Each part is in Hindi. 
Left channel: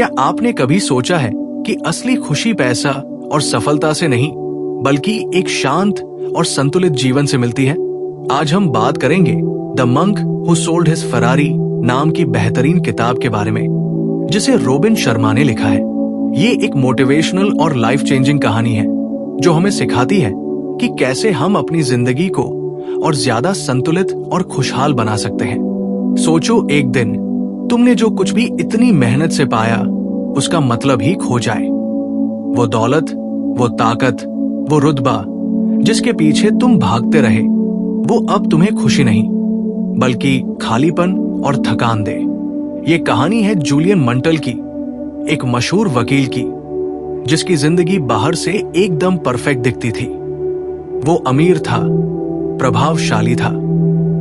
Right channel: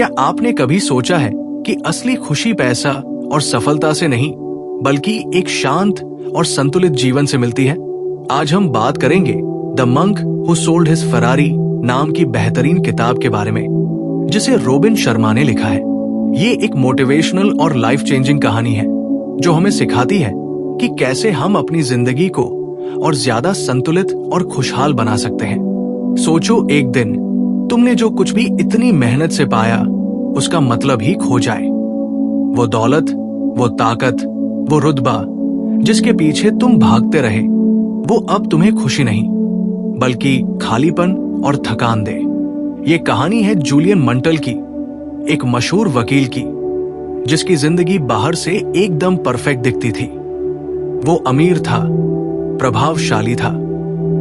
क्या आपने कभी सोचा है कि असली खुशी पैसा और सफलता से नहीं, बल्कि एक शांत और संतुलित जीवन से मिलती है? आज हम बात करेंगे the monk who sold his Ferrari नाम की बेहतरीन किताब के बारे में, जिसे रोबिन शर्मा ने लिखा है। ये एक मोटिवेशनल और लाइफ चेंजिंग कहानी है जो हमें सिखाती है कि कैसे हम अपनी जिंदगी को और ज्यादा संतुलित और खुशहाल बना सकते हैं। सोचो, एक दिन तुमने जो कुछ भी इतनी मेहनत से पाया उसका मतलब ही खो जाए। वो दौलत, वो ताकत, वो रुतबा जिसके पीछे तुम भागते रहे, वो अब तुम्हें खुशी नहीं बल्कि खालीपन और थकान दे। ये कहानी है जूलियन मंटल की, एक मशहूर वकील की, जिसकी जिंदगी बाहर से एकदम परफेक्ट दिखती थी। वो अमीर था, प्रभावशाली था,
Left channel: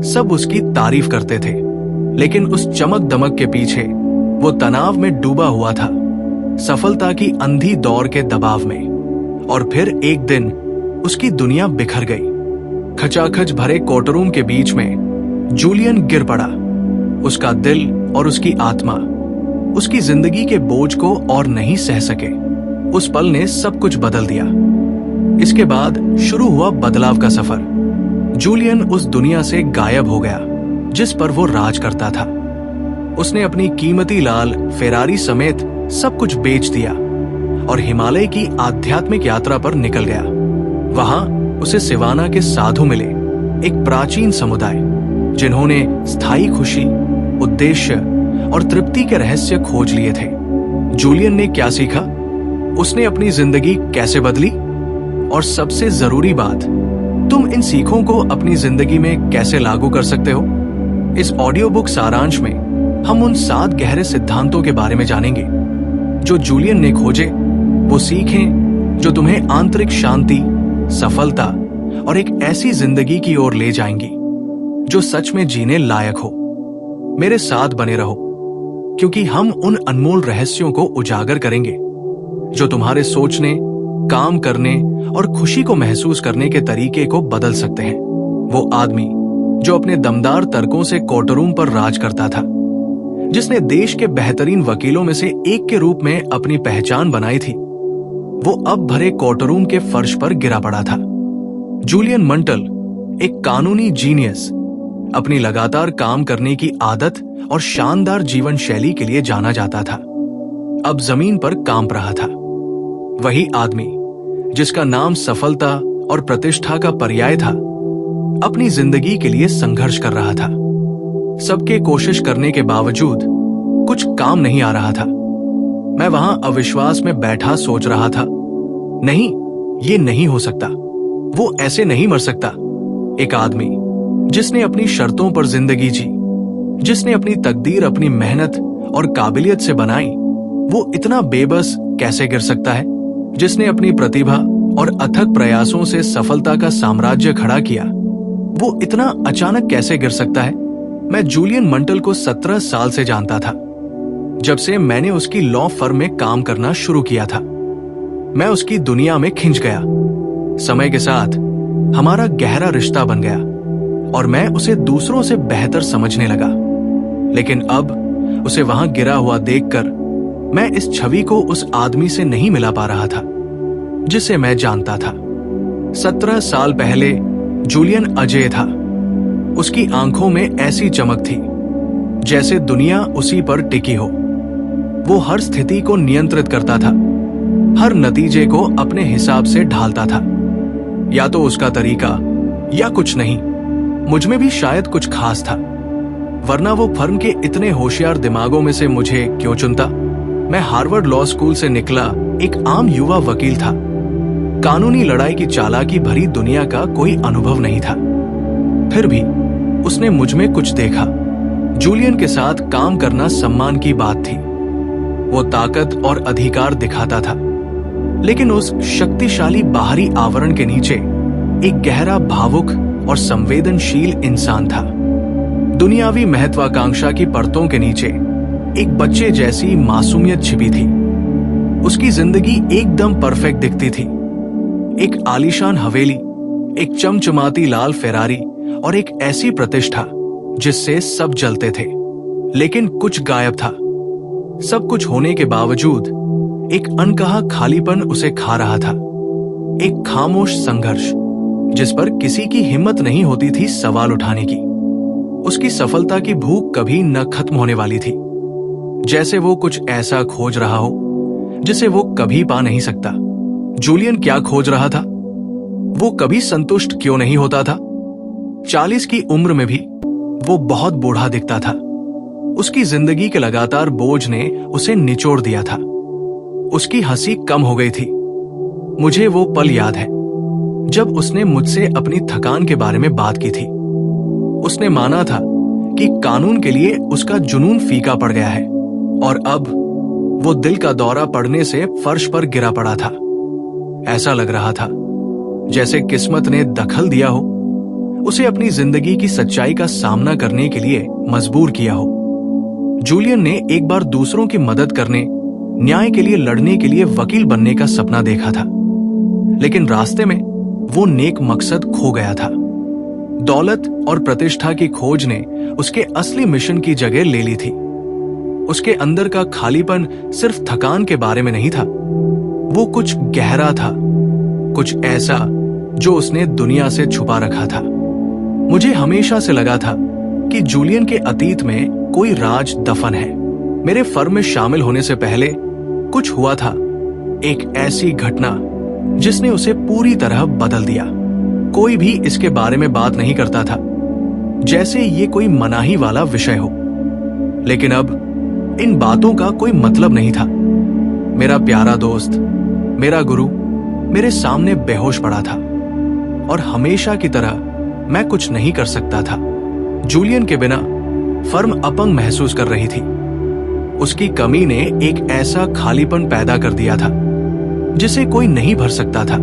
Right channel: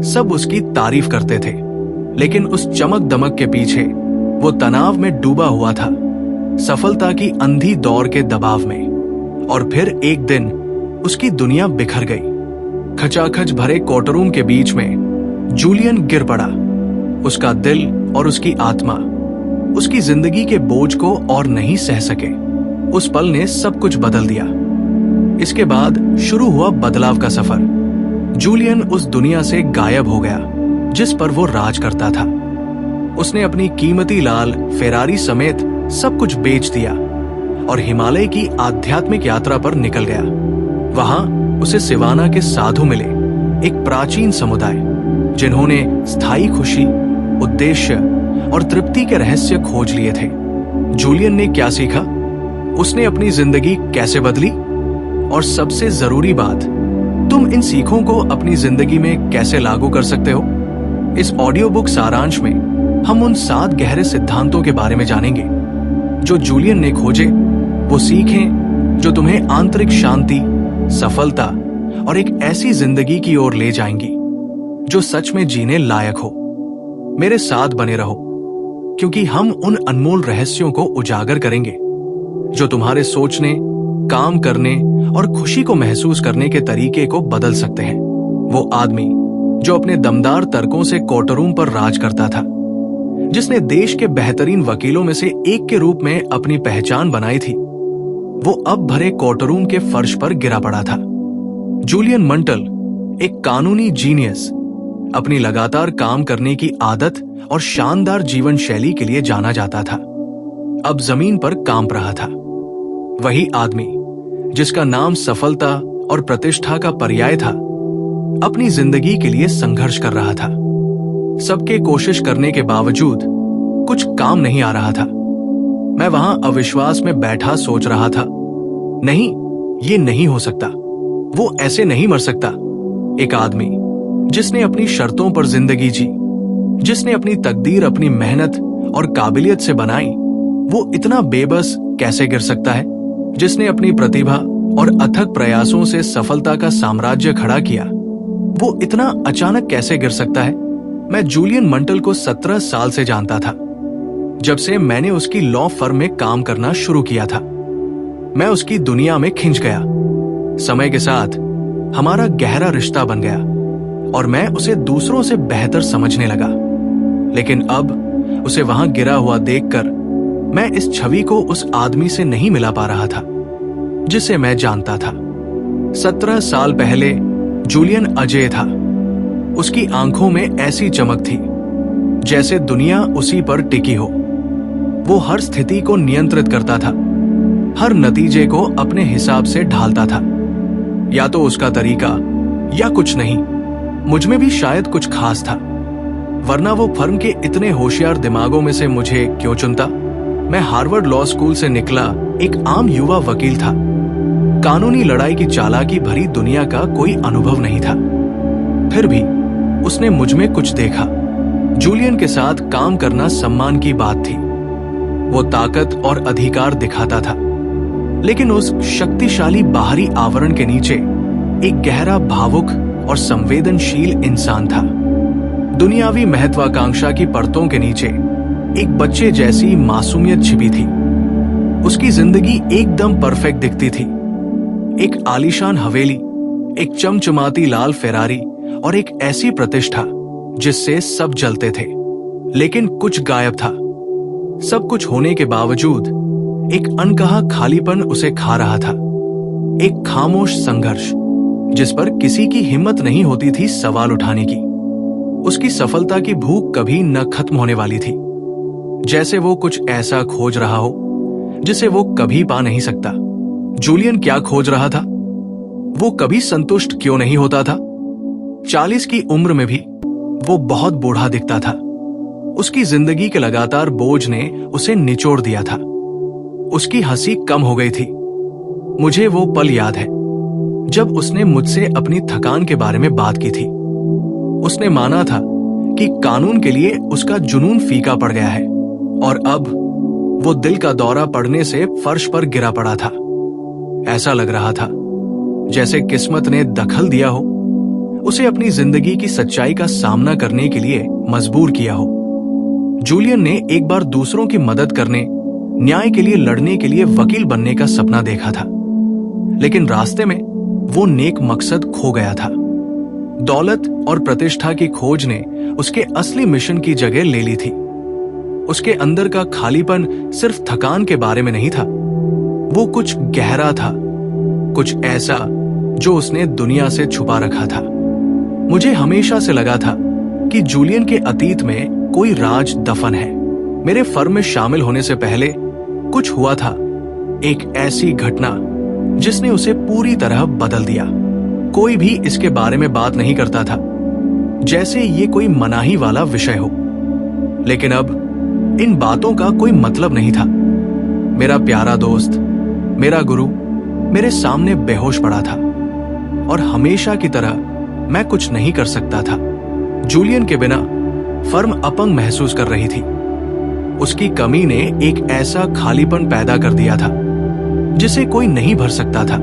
सब उसकी तारीफ करते थे, लेकिन उस चमक दमक के पीछे वो तनाव में डूबा हुआ था, सफलता की अंधी दौड़ के दबाव में। और फिर एक दिन उसकी दुनिया बिखर गई। खचाखच भरे कोर्टरूम के बीच में जूलियन गिर पड़ा। उसका दिल और उसकी आत्मा उसकी जिंदगी के बोझ को और नहीं सह सके। उस पल ने सब कुछ बदल दिया। इसके बाद शुरू हुआ बदलाव का सफर। जूलियन उस दुनिया से गायब हो गया जिस पर वो राज करता था। उसने अपनी कीमती लाल फेरारी समेत सब कुछ बेच दिया और हिमालय की आध्यात्मिक यात्रा पर निकल गया। वहां उसे सिवाना के साधु मिले, एक प्राचीन समुदाय जिन्होंने स्थायी खुशी, उद्देश्य और तृप्ति के रहस्य खोज लिए थे। जूलियन ने क्या सीखा, उसने अपनी जिंदगी कैसे बदली, और सबसे जरूरी बात, तुम इन सीखों को अपनी जिंदगी में कैसे लागू कर सकते हो। इस ऑडियो बुक सारांश में हम उन 7 गहरे सिद्धांतों के बारे में जानेंगे जो जूलियन ने खोजे। वो सीखें जो तुम्हें आंतरिक शांति, सफलता और एक ऐसी जिंदगी की ओर ले जाएंगी जो सच में जीने लायक हो। मेरे साथ बने रहो, क्योंकि हम उन अनमोल रहस्यों को उजागर करेंगे जो तुम्हारे सोचने, काम करने और खुशी को महसूस करने के तरीके को बदल सकते हैं। वो आदमी जो अपने दमदार तर्कों से कोर्टरूम पर राज करता था, जिसने देश के बेहतरीन वकीलों में से एक के रूप में अपनी पहचान बनाई थी, वो अब भरे कोर्टरूम के फर्श पर गिरा पड़ा था। जूलियन मंटल, एक कानूनी जीनियस, अपनी लगातार काम करने की आदत और शानदार जीवन शैली के लिए जाना जाता था, अब जमीन पर कांप रहा था। वही आदमी जिसका नाम सफलता और प्रतिष्ठा का पर्याय था, अपनी जिंदगी के लिए संघर्ष कर रहा था। सबके कोशिश करने के बावजूद कुछ काम नहीं आ रहा था। मैं वहां अविश्वास में बैठा सोच रहा था, नहीं, ये नहीं हो सकता, वो ऐसे नहीं मर सकता। एक आदमी जिसने अपनी शर्तों पर जिंदगी जी, जिसने अपनी तकदीर अपनी मेहनत और काबिलियत से बनाई, वो इतना बेबस कैसे गिर सकता है? जिसने अपनी प्रतिभा और अथक प्रयासों से सफलता का साम्राज्य खड़ा किया, वो इतना अचानक कैसे गिर सकता है? मैं जूलियन मंटल को 17 साल से जानता था, जब से मैंने उसकी लॉ फर्म में काम करना शुरू किया था। मैं उसकी दुनिया में खिंच गया। समय के साथ हमारा गहरा रिश्ता बन गया और मैं उसे दूसरों से बेहतर समझने लगा। लेकिन अब उसे वहां गिरा हुआ देखकर मैं इस छवि को उस आदमी से नहीं मिला पा रहा था जिसे मैं जानता था। 17 साल पहले जूलियन अजय था। उसकी आंखों में ऐसी चमक थी जैसे दुनिया उसी पर टिकी हो। वो हर स्थिति को नियंत्रित करता था, हर नतीजे को अपने हिसाब से ढालता था। या तो उसका तरीका या कुछ नहीं। मुझ में भी शायद कुछ खास था, वरना वो फर्म के इतने होशियार दिमागों में से मुझे क्यों चुनता? मैं हार्वर्ड लॉ स्कूल से निकला एक आम युवा वकील था। कानूनी लड़ाई की चालाकी भरी दुनिया का कोई अनुभव नहीं था। फिर भी उसने मुझ में कुछ देखा। जूलियन के साथ काम करना सम्मान की बात थी। वो ताकत और अधिकार दिखाता था, लेकिन उस शक्तिशाली बाहरी आवरण के नीचे एक गहरा भावुक और संवेदनशील इंसान था। दुनियावी महत्वाकांक्षा की परतों के नीचे एक बच्चे जैसी मासूमियत छिपी थी। उसकी जिंदगी एकदम परफेक्ट दिखती थी। एक आलीशान हवेली, एक चमचमाती लाल फेरारी और एक ऐसी प्रतिष्ठा जिससे सब जलते थे। लेकिन कुछ गायब था। सब कुछ होने के बावजूद एक अनकहा खालीपन उसे खा रहा था, एक खामोश संघर्ष जिस पर किसी की हिम्मत नहीं होती थी सवाल उठाने की। उसकी सफलता की भूख कभी न खत्म होने वाली थी, जैसे वो कुछ ऐसा खोज रहा हो जिसे वो कभी पा नहीं सकता। जूलियन क्या खोज रहा था? वो कभी संतुष्ट क्यों नहीं होता था? 40 की उम्र में भी वो बहुत बूढ़ा दिखता था। उसकी जिंदगी के लगातार बोझ ने उसे निचोड़ दिया था। उसकी हंसी कम हो गई थी। मुझे वो पल याद है जब उसने मुझसे अपनी थकान के बारे में बात की थी। उसने माना था कि कानून के लिए उसका जुनून फीका पड़ गया है और अब वो दिल का दौरा पड़ने से फर्श पर गिरा पड़ा था। ऐसा लग रहा था जैसे किस्मत ने दखल दिया हो, उसे अपनी जिंदगी की सच्चाई का सामना करने के लिए मजबूर किया हो। जूलियन ने एक बार दूसरों की मदद करने, न्याय के लिए लड़ने के लिए वकील बनने का सपना देखा था, लेकिन रास्ते में वो नेक मकसद खो गया था। दौलत और प्रतिष्ठा की खोज ने उसके असली मिशन की जगह ले ली थी। उसके अंदर का खालीपन सिर्फ थकान के बारे में नहीं था, वो कुछ गहरा था, कुछ ऐसा जो उसने दुनिया से छुपा रखा था। मुझे हमेशा से लगा था कि जूलियन के अतीत में कोई राज दफन है। मेरे फर्म में शामिल होने से पहले कुछ हुआ था, एक ऐसी घटना जिसने उसे पूरी तरह बदल दिया। कोई भी इसके बारे में बात नहीं करता था, जैसे ये कोई मनाही वाला विषय हो। लेकिन अब इन बातों का कोई मतलब नहीं था। मेरा प्यारा दोस्त, मेरा गुरु मेरे सामने बेहोश पड़ा था और हमेशा की तरह मैं कुछ नहीं कर सकता था। जूलियन के बिना फर्म अपंग महसूस कर रही थी। उसकी कमी ने एक ऐसा खालीपन पैदा कर दिया था जिसे कोई नहीं भर सकता था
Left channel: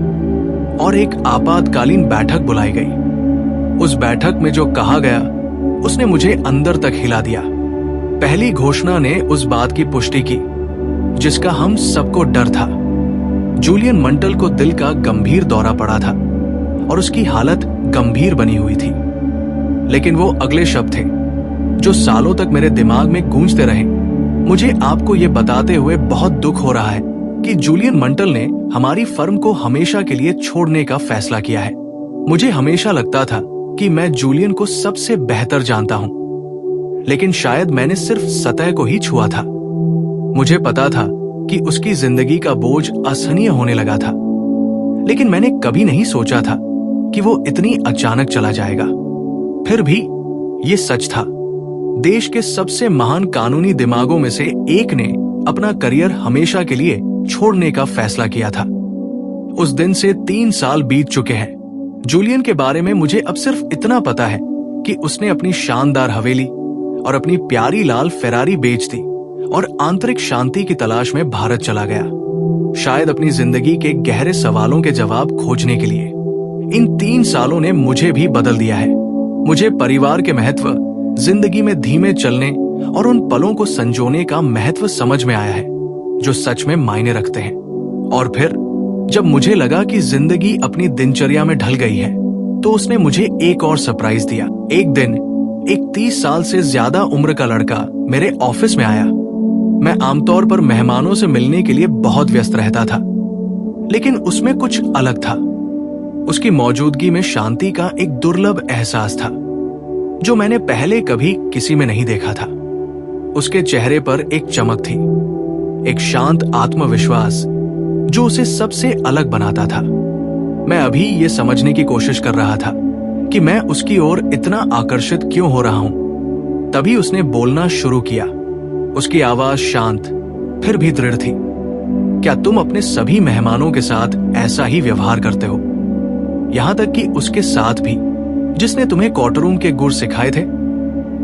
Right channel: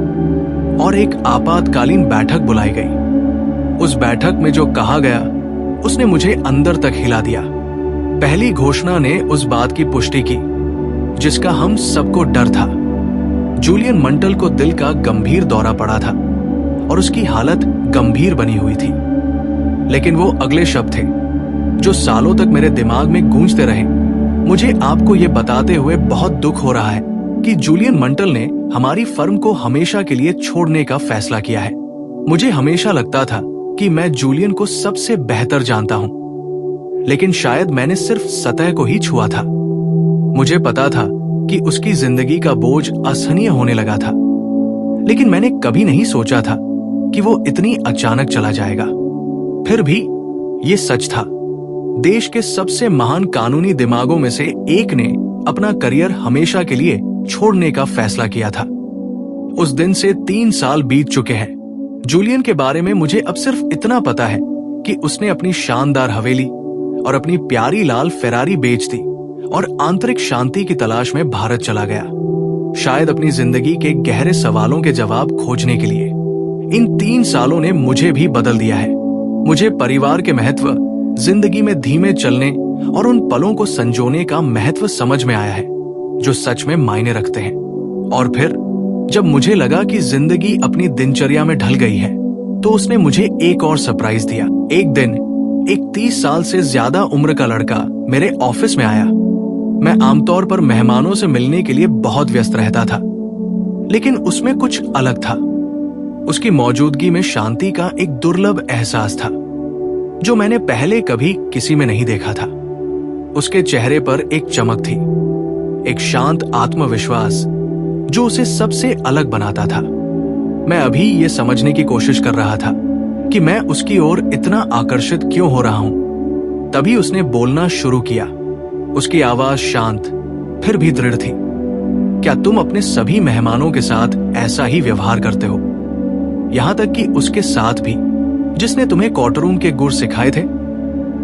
और एक आपातकालीन बैठक बुलाई गई। उस बैठक में जो कहा गया उसने मुझे अंदर तक हिला दिया। पहली घोषणा ने उस बात की पुष्टि की जिसका हम सबको डर था। जूलियन मंटल को दिल का गंभीर दौरा पड़ा था और उसकी हालत गंभीर बनी हुई थी। लेकिन वो अगले शब्द थे जो सालों तक मेरे दिमाग में गूंजते रहे। मुझे आपको ये बताते हुए बहुत दुख हो रहा है कि जूलियन मंटल ने हमारी फर्म को हमेशा के लिए छोड़ने का फैसला किया है। मुझे हमेशा लगता था कि मैं जूलियन को सबसे बेहतर जानता हूं, लेकिन शायद मैंने सिर्फ सतह को ही छुआ था। मुझे पता था कि उसकी जिंदगी का बोझ असहनीय होने लगा था, लेकिन मैंने कभी नहीं सोचा था कि वो इतनी अचानक चला जाएगा। फिर भी ये सच था। देश के सबसे महान कानूनी दिमागों में से एक ने अपना करियर हमेशा के लिए छोड़ने का फैसला किया था। उस दिन से 3 साल बीत चुके हैं। जूलियन के बारे में मुझे अब सिर्फ इतना पता है कि उसने अपनी शानदार हवेली और अपनी प्यारी लाल फेरारी बेच दी और आंतरिक शांति की तलाश में भारत चला गया, शायद अपनी जिंदगी के गहरे सवालों के जवाब खोजने के लिए। इन 3 सालों ने मुझे भी बदल दिया है। मुझे परिवार के महत्व, जिंदगी में धीमे चलने और उन पलों को संजोने का महत्व समझ में आया है जो सच में मायने रखते हैं। और फिर जब मुझे लगा कि जिंदगी अपनी दिनचर्या में ढल गई है, तो उसने मुझे एक और सरप्राइज दिया। एक दिन एक 30 साल से ज्यादा उम्र का लड़का मेरे ऑफिस में आया। मैं आमतौर पर मेहमानों से मिलने के लिए बहुत व्यस्त रहता था, लेकिन उसमें कुछ अलग था। उसकी मौजूदगी में शांति का एक दुर्लभ एहसास था जो मैंने पहले कभी किसी में नहीं देखा था। उसके चेहरे पर एक चमक थी, एक शांत आत्मविश्वास जो उसे सबसे अलग बनाता था। मैं अभी ये समझने की कोशिश कर रहा था कि मैं उसकी ओर इतना आकर्षित क्यों हो रहा हूं। तभी उसने बोलना शुरू किया। उसकी आवाज शांत फिर भी दृढ़ थी। क्या तुम अपने सभी मेहमानों के साथ ऐसा ही व्यवहार करते हो? यहां तक कि उसके साथ भी जिसने तुम्हें कोर्टरूम के गुर सिखाए थे?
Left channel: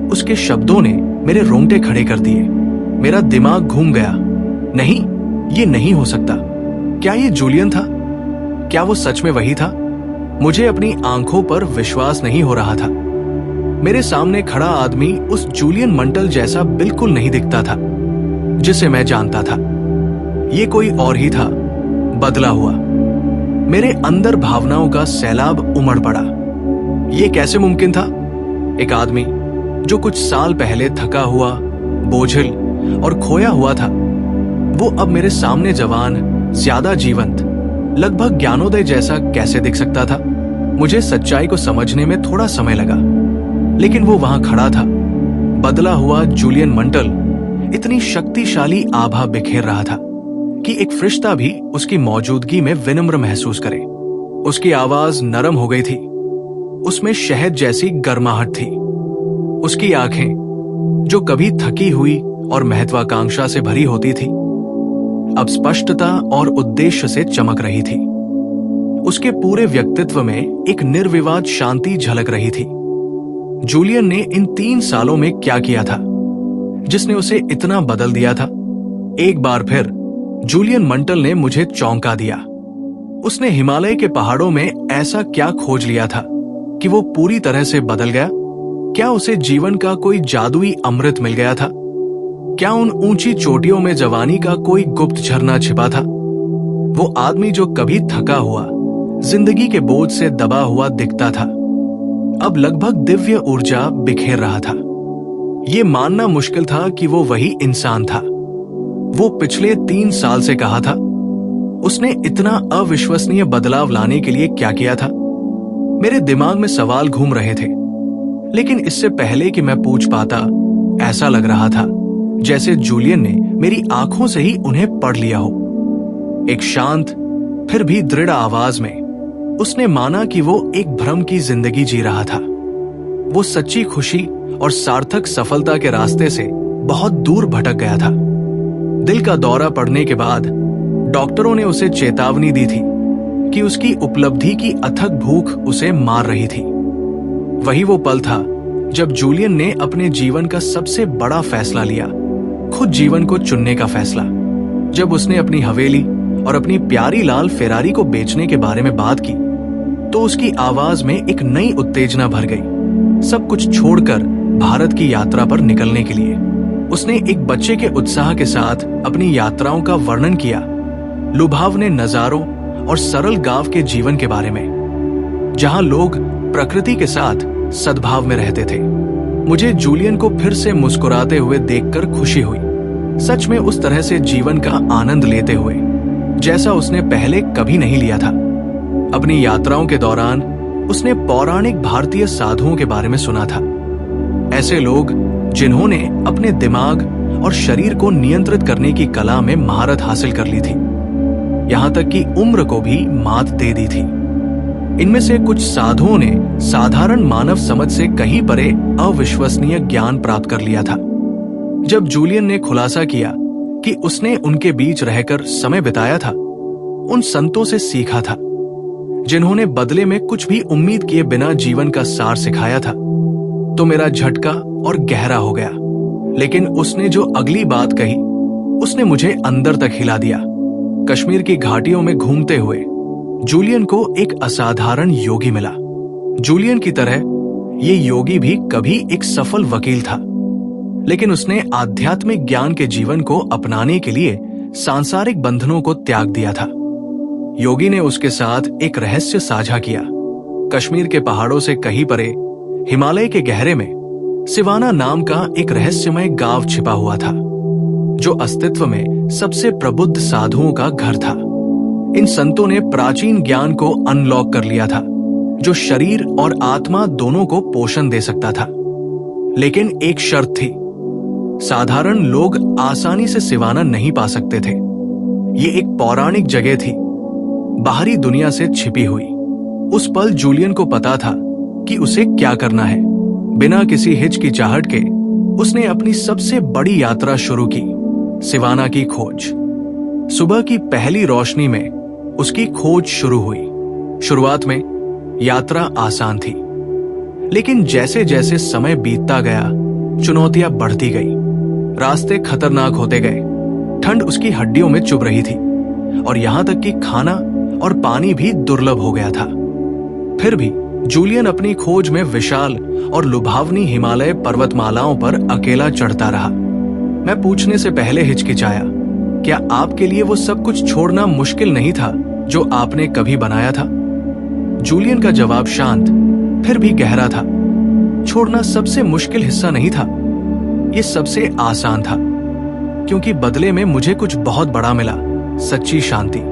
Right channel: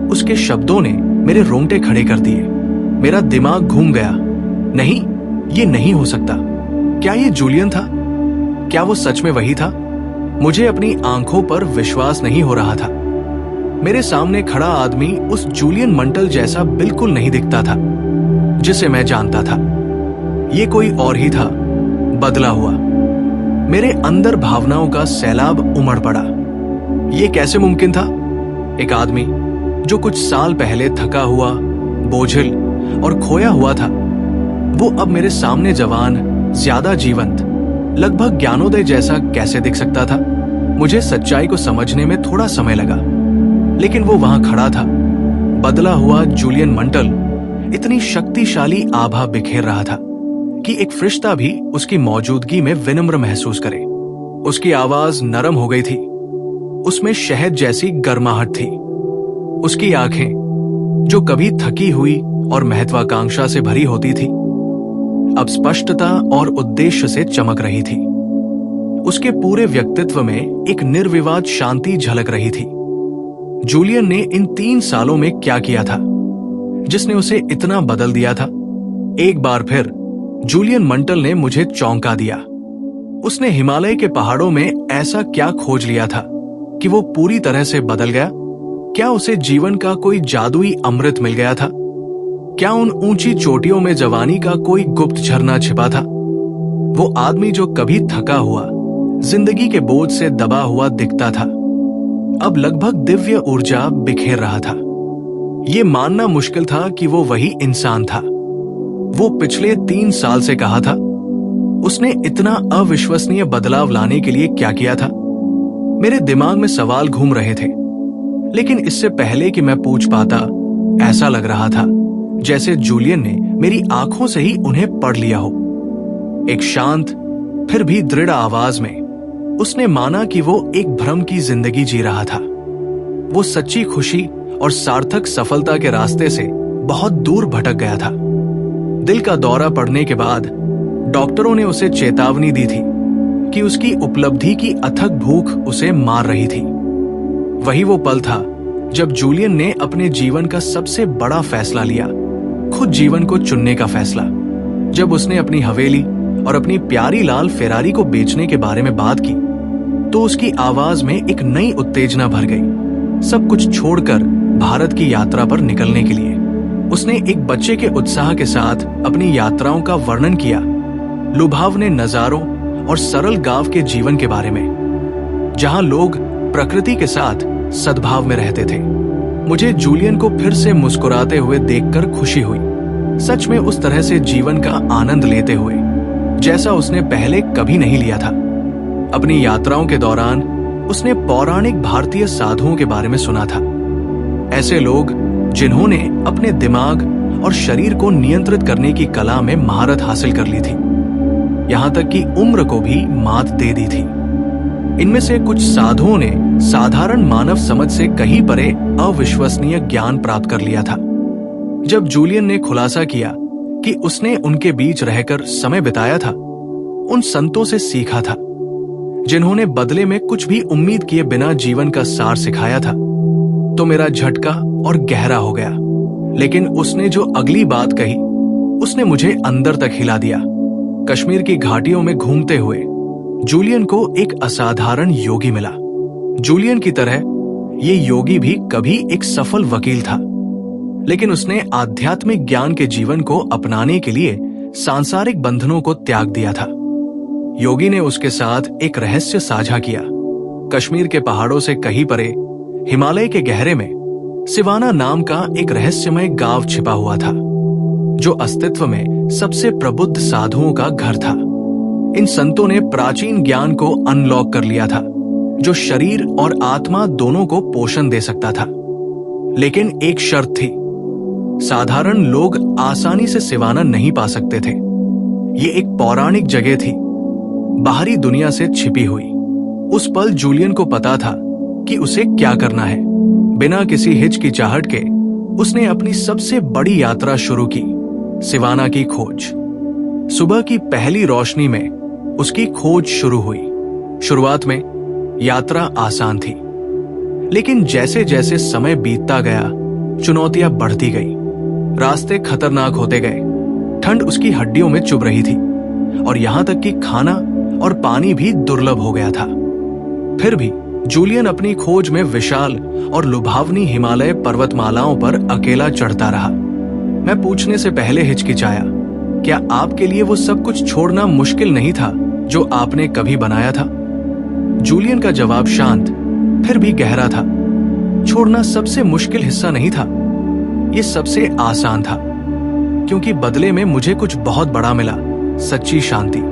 उसके शब्दों ने मेरे रोंगटे खड़े कर दिए। मेरा दिमाग घूम गया। नहीं, ये नहीं हो सकता। क्या ये जूलियन था? क्या वो सच में वही था? मुझे अपनी आंखों पर विश्वास नहीं हो रहा था। मेरे सामने खड़ा आदमी उस जूलियन मंटल जैसा बिल्कुल नहीं दिखता था जिसे मैं जानता था। ये कोई और ही था, बदला हुआ। मेरे अंदर भावनाओं का सैलाब उमड़ पड़ा। ये कैसे मुमकिन था? एक आदमी जो कुछ साल पहले थका हुआ, बोझिल और खोया हुआ था, वो अब मेरे सामने जवान, ज्यादा जीवंत, लगभग ज्ञानोदय जैसा कैसे दिख सकता था? मुझे सच्चाई को समझने में थोड़ा समय लगा, लेकिन वो वहां खड़ा था, बदला हुआ जूलियन मंटल इतनी शक्तिशाली आभा बिखेर रहा था कि एक फरिश्ता भी उसकी मौजूदगी में विनम्र महसूस करे। उसकी आवाज नरम हो गई थी, उसमें शहद जैसी गर्माहट थी। उसकी आंखें, जो कभी थकी हुई और महत्वाकांक्षा से भरी होती थी, अब स्पष्टता और उद्देश्य से चमक रही थी। उसके पूरे व्यक्तित्व में एक निर्विवाद शांति झलक रही थी। जूलियन ने इन 3 सालों में क्या किया था जिसने उसे इतना बदल दिया था? एक बार फिर जूलियन मंटल ने मुझे चौंका दिया। उसने हिमालय के पहाड़ों में ऐसा क्या खोज लिया था कि वो पूरी तरह से बदल गया? क्या उसे जीवन का कोई जादुई अमृत मिल गया था? क्या उन ऊंची चोटियों में जवानी का कोई गुप्त झरना छिपा था? वो आदमी जो कभी थका हुआ, जिंदगी के बोझ से दबा हुआ दिखता था, अब लगभग दिव्य ऊर्जा बिखेर रहा था। ये मानना मुश्किल था कि वो वही इंसान था। वो पिछले 3 साल से कहा था। उसने इतना अविश्वसनीय बदलाव लाने के लिए क्या किया था? मेरे दिमाग में सवाल घूम रहे थे, लेकिन इससे पहले कि मैं पूछ पाता, ऐसा लग रहा था जैसे जूलियन ने मेरी आंखों से ही उन्हें पढ़ लिया हो। एक शांत फिर भी दृढ़ आवाज में उसने माना कि वो एक भ्रम की जिंदगी जी रहा था। वो सच्ची खुशी और सार्थक सफलता के रास्ते से बहुत दूर भटक गया था। दिल का दौरा पड़ने के बाद डॉक्टरों ने उसे चेतावनी दी थी कि उसकी उपलब्धि की अथक भूख उसे मार रही थी। वही वो पल था जब जूलियन ने अपने जीवन का सबसे बड़ा फैसला लिया, खुद जीवन को चुनने का फैसला। जब उसने अपनी हवेली और अपनी प्यारी लाल फेरारी को बेचने के बारे में बात की, तो उसकी आवाज में एक नई उत्तेजना भर गई। सब कुछ छोड़कर भारत की यात्रा पर निकलने के लिए उसने एक बच्चे के उत्साह के साथ अपनी यात्राओं का वर्णन किया, लुभावने नजारों और सरल गांव के जीवन के बारे में, जहां लोग प्रकृति के साथ सद्भाव में रहते थे। मुझे जूलियन को फिर से मुस्कुराते हुए देखकर खुशी हुई, सच में उस तरह से जीवन का आनंद लेते हुए जैसा उसने पहले कभी नहीं लिया था। अपनी यात्राओं के दौरान उसने पौराणिक भारतीय साधुओं के बारे में सुना था, ऐसे लोग जिन्होंने अपने दिमाग और शरीर को नियंत्रित करने की कला में महारत हासिल कर ली थी, यहां तक कि उम्र को भी मात दे दी थी। इनमें से कुछ साधुओं ने साधारण मानव समझ से कहीं परे अविश्वसनीय ज्ञान प्राप्त कर लिया था। जब जूलियन ने खुलासा किया कि उसने उनके बीच रहकर समय बिताया था, उन संतों से सीखा था जिन्होंने बदले में कुछ भी उम्मीद किए बिना जीवन का सार सिखाया था, तो मेरा झटका और गहरा हो गया। लेकिन उसने जो अगली बात कही, उसने मुझे अंदर तक हिला दिया। कश्मीर की घाटियों में घूमते हुए जूलियन को एक असाधारण योगी मिला। जूलियन की तरह ये योगी भी कभी एक सफल वकील था, लेकिन उसने आध्यात्मिक ज्ञान के जीवन को अपनाने के लिए सांसारिक बंधनों को त्याग दिया था। योगी ने उसके साथ एक रहस्य साझा किया। कश्मीर के पहाड़ों से कहीं परे हिमालय के गहरे में सिवाना नाम का एक रहस्यमय गांव छिपा हुआ था, जो अस्तित्व में सबसे प्रबुद्ध साधुओं का घर था। इन संतों ने प्राचीन ज्ञान को अनलॉक कर लिया था, जो शरीर और आत्मा दोनों को पोषण दे सकता था। लेकिन एक शर्त थी, साधारण लोग आसानी से सिवाना नहीं पा सकते थे। ये एक पौराणिक जगह थी, बाहरी दुनिया से छिपी हुई। उस पल जूलियन को पता था कि उसे क्या करना है। बिना किसी हिचकिचाहट के उसने अपनी सबसे बड़ी यात्रा शुरू की, सिवाना की खोज। सुबह की पहली रोशनी में उसकी खोज शुरू हुई। शुरुआत में यात्रा आसान थी, लेकिन जैसे जैसे समय बीतता गया, चुनौतियां बढ़ती गई। रास्ते खतरनाक होते गए, ठंड उसकी हड्डियों में चुभ रही थी, और यहां तक कि खाना और पानी भी दुर्लभ हो गया था। फिर भी जूलियन अपनी खोज में विशाल और लुभावनी हिमालय पर्वतमालाओं पर अकेला चढ़ता रहा। मैं पूछने से पहले हिचकिचाया, क्या आपके लिए वो सब कुछ छोड़ना मुश्किल नहीं था जो आपने कभी बनाया था? जूलियन का जवाब शांत फिर भी गहरा था। छोड़ना सबसे मुश्किल हिस्सा नहीं था, ये सबसे आसान था। क्योंकि बदले में मुझे कुछ बहुत बड़ा मिला, सच्ची शांति।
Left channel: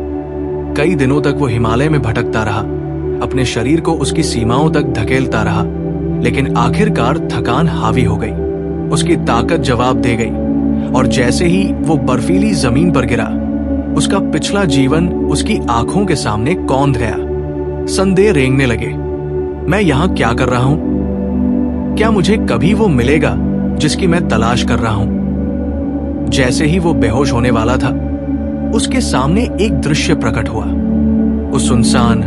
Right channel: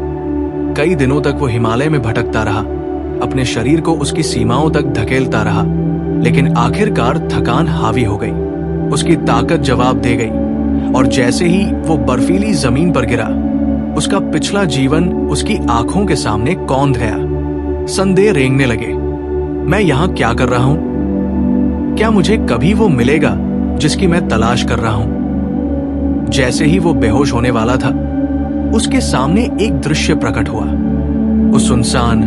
कई दिनों तक वो हिमालय में भटकता रहा, अपने शरीर को उसकी सीमाओं तक धकेलता रहा, लेकिन आखिरकार थकान हावी हो गई। उसकी ताकत जवाब दे गई और जैसे ही वो बर्फीली जमीन पर गिरा, उसका पिछला जीवन उसकी आंखों के सामने कौंध गया। संदेह रेंगने लगे, मैं यहां क्या कर रहा हूं? क्या मुझे कभी वो मिलेगा जिसकी मैं तलाश कर रहा हूं? जैसे ही वो बेहोश होने वाला था, उसके सामने एक दृश्य प्रकट हुआ। उस सुनसान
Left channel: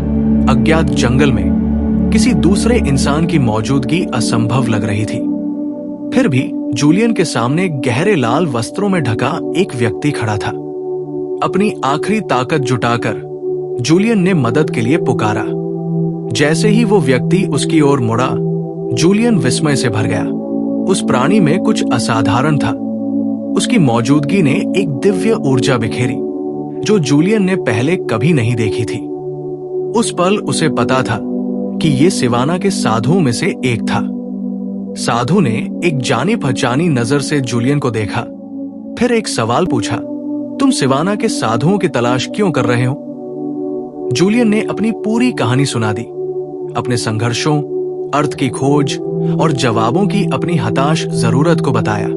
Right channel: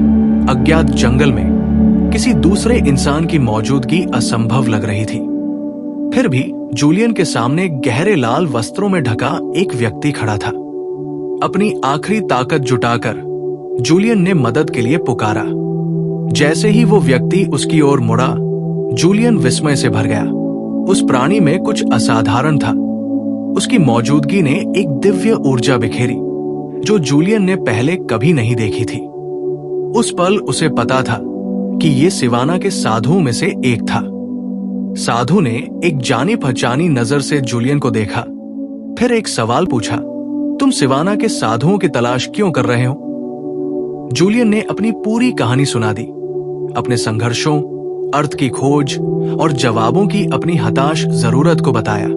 अज्ञात जंगल में किसी दूसरे इंसान की मौजूदगी असंभव लग रही थी। फिर भी जूलियन के सामने गहरे लाल वस्त्रों में ढका एक व्यक्ति खड़ा था। अपनी आखिरी ताकत जुटाकर जूलियन ने मदद के लिए पुकारा। जैसे ही वो व्यक्ति उसकी ओर मुड़ा, जूलियन विस्मय से भर गया। उस प्राणी में कुछ असाधारण था। उसकी मौजूदगी ने एक दिव्य ऊर्जा बिखेरी जो जूलियन ने पहले कभी नहीं देखी थी। उस पल उसे पता था कि ये सिवाना के साधुओं में से एक था। साधु ने एक जानी पहचानी नजर से जूलियन को देखा, फिर एक सवाल पूछा, तुम सिवाना के साधुओं की तलाश क्यों कर रहे हो? जूलियन ने अपनी पूरी कहानी सुना दी, अपने संघर्षों, अर्थ की खोज और जवाबों की अपनी हताश जरूरत को बताया।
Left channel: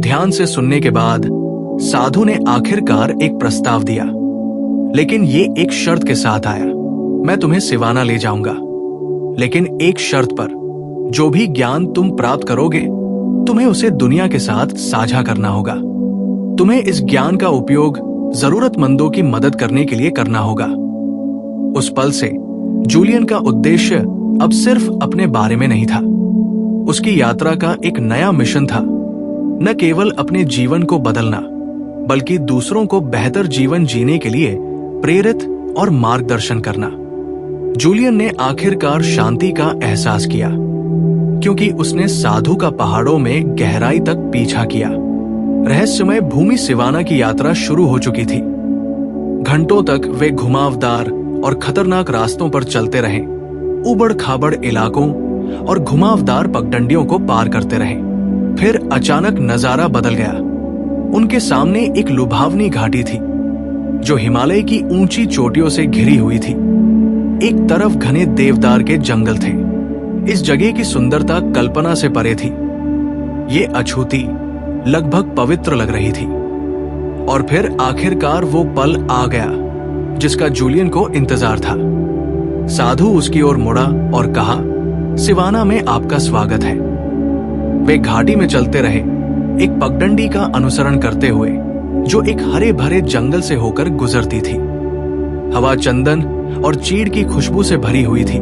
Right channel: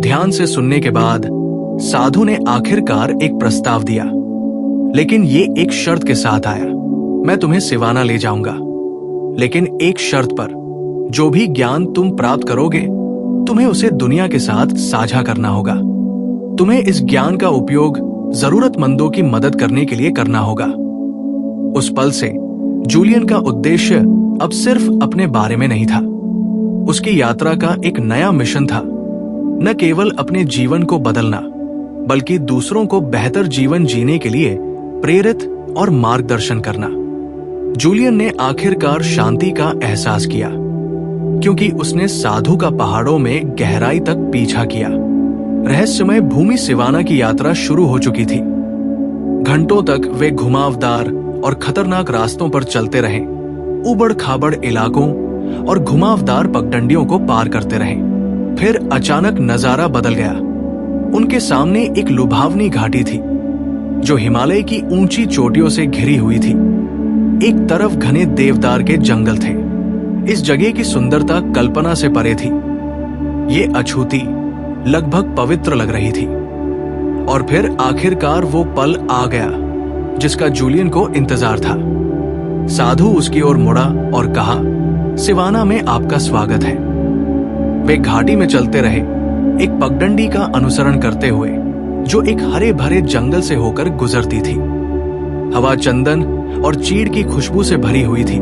ध्यान से सुनने के बाद साधु ने आखिरकार एक प्रस्ताव दिया, लेकिन ये एक शर्त के साथ आया। मैं तुम्हें सिवाना ले जाऊंगा, लेकिन एक शर्त पर। जो भी ज्ञान तुम प्राप्त करोगे, तुम्हें उसे दुनिया के साथ साझा करना होगा। तुम्हें इस ज्ञान का उपयोग जरूरतमंदों की मदद करने के लिए करना होगा। उस पल से जूलियन का उद्देश्य अब सिर्फ अपने बारे में नहीं था। उसकी यात्रा का एक नया मिशन था, न केवल अपने जीवन को बदलना, बल्कि दूसरों को बेहतर जीवन जीने के लिए प्रेरित और मार्गदर्शन करना। जूलियन ने आखिरकार शांति का एहसास किया, क्योंकि उसने साधु का पहाड़ों में गहराई तक पीछा किया। रहस्यमय भूमि सिवाना की यात्रा शुरू हो चुकी थी। घंटों तक वे घुमावदार और खतरनाक रास्तों पर चलते रहे, उबड़ खाबड़ इलाकों और घुमावदार पगडंडियों को पार करते रहे। फिर अचानक नजारा बदल गया। उनके सामने एक लुभावनी घाटी थी जो हिमालय की ऊंची चोटियों से घिरी हुई थी। एक तरफ घने देवदार के जंगल थे। इस जगह की सुंदरता कल्पना से परे थी। ये अछूती, लगभग पवित्र लग रही थी। और फिर आखिरकार वो पल आ गया जिसका जूलियन को इंतजार था। साधु उसकी ओर मुड़ा और कहा, सिवाना में आपका स्वागत है। वे घाटी में चलते रहे, एक पगडंडी का अनुसरण करते हुए जो एक हरे भरे जंगल से होकर गुजरती थी। हवा चंदन और चीड़ की खुशबू से भरी हुई थी।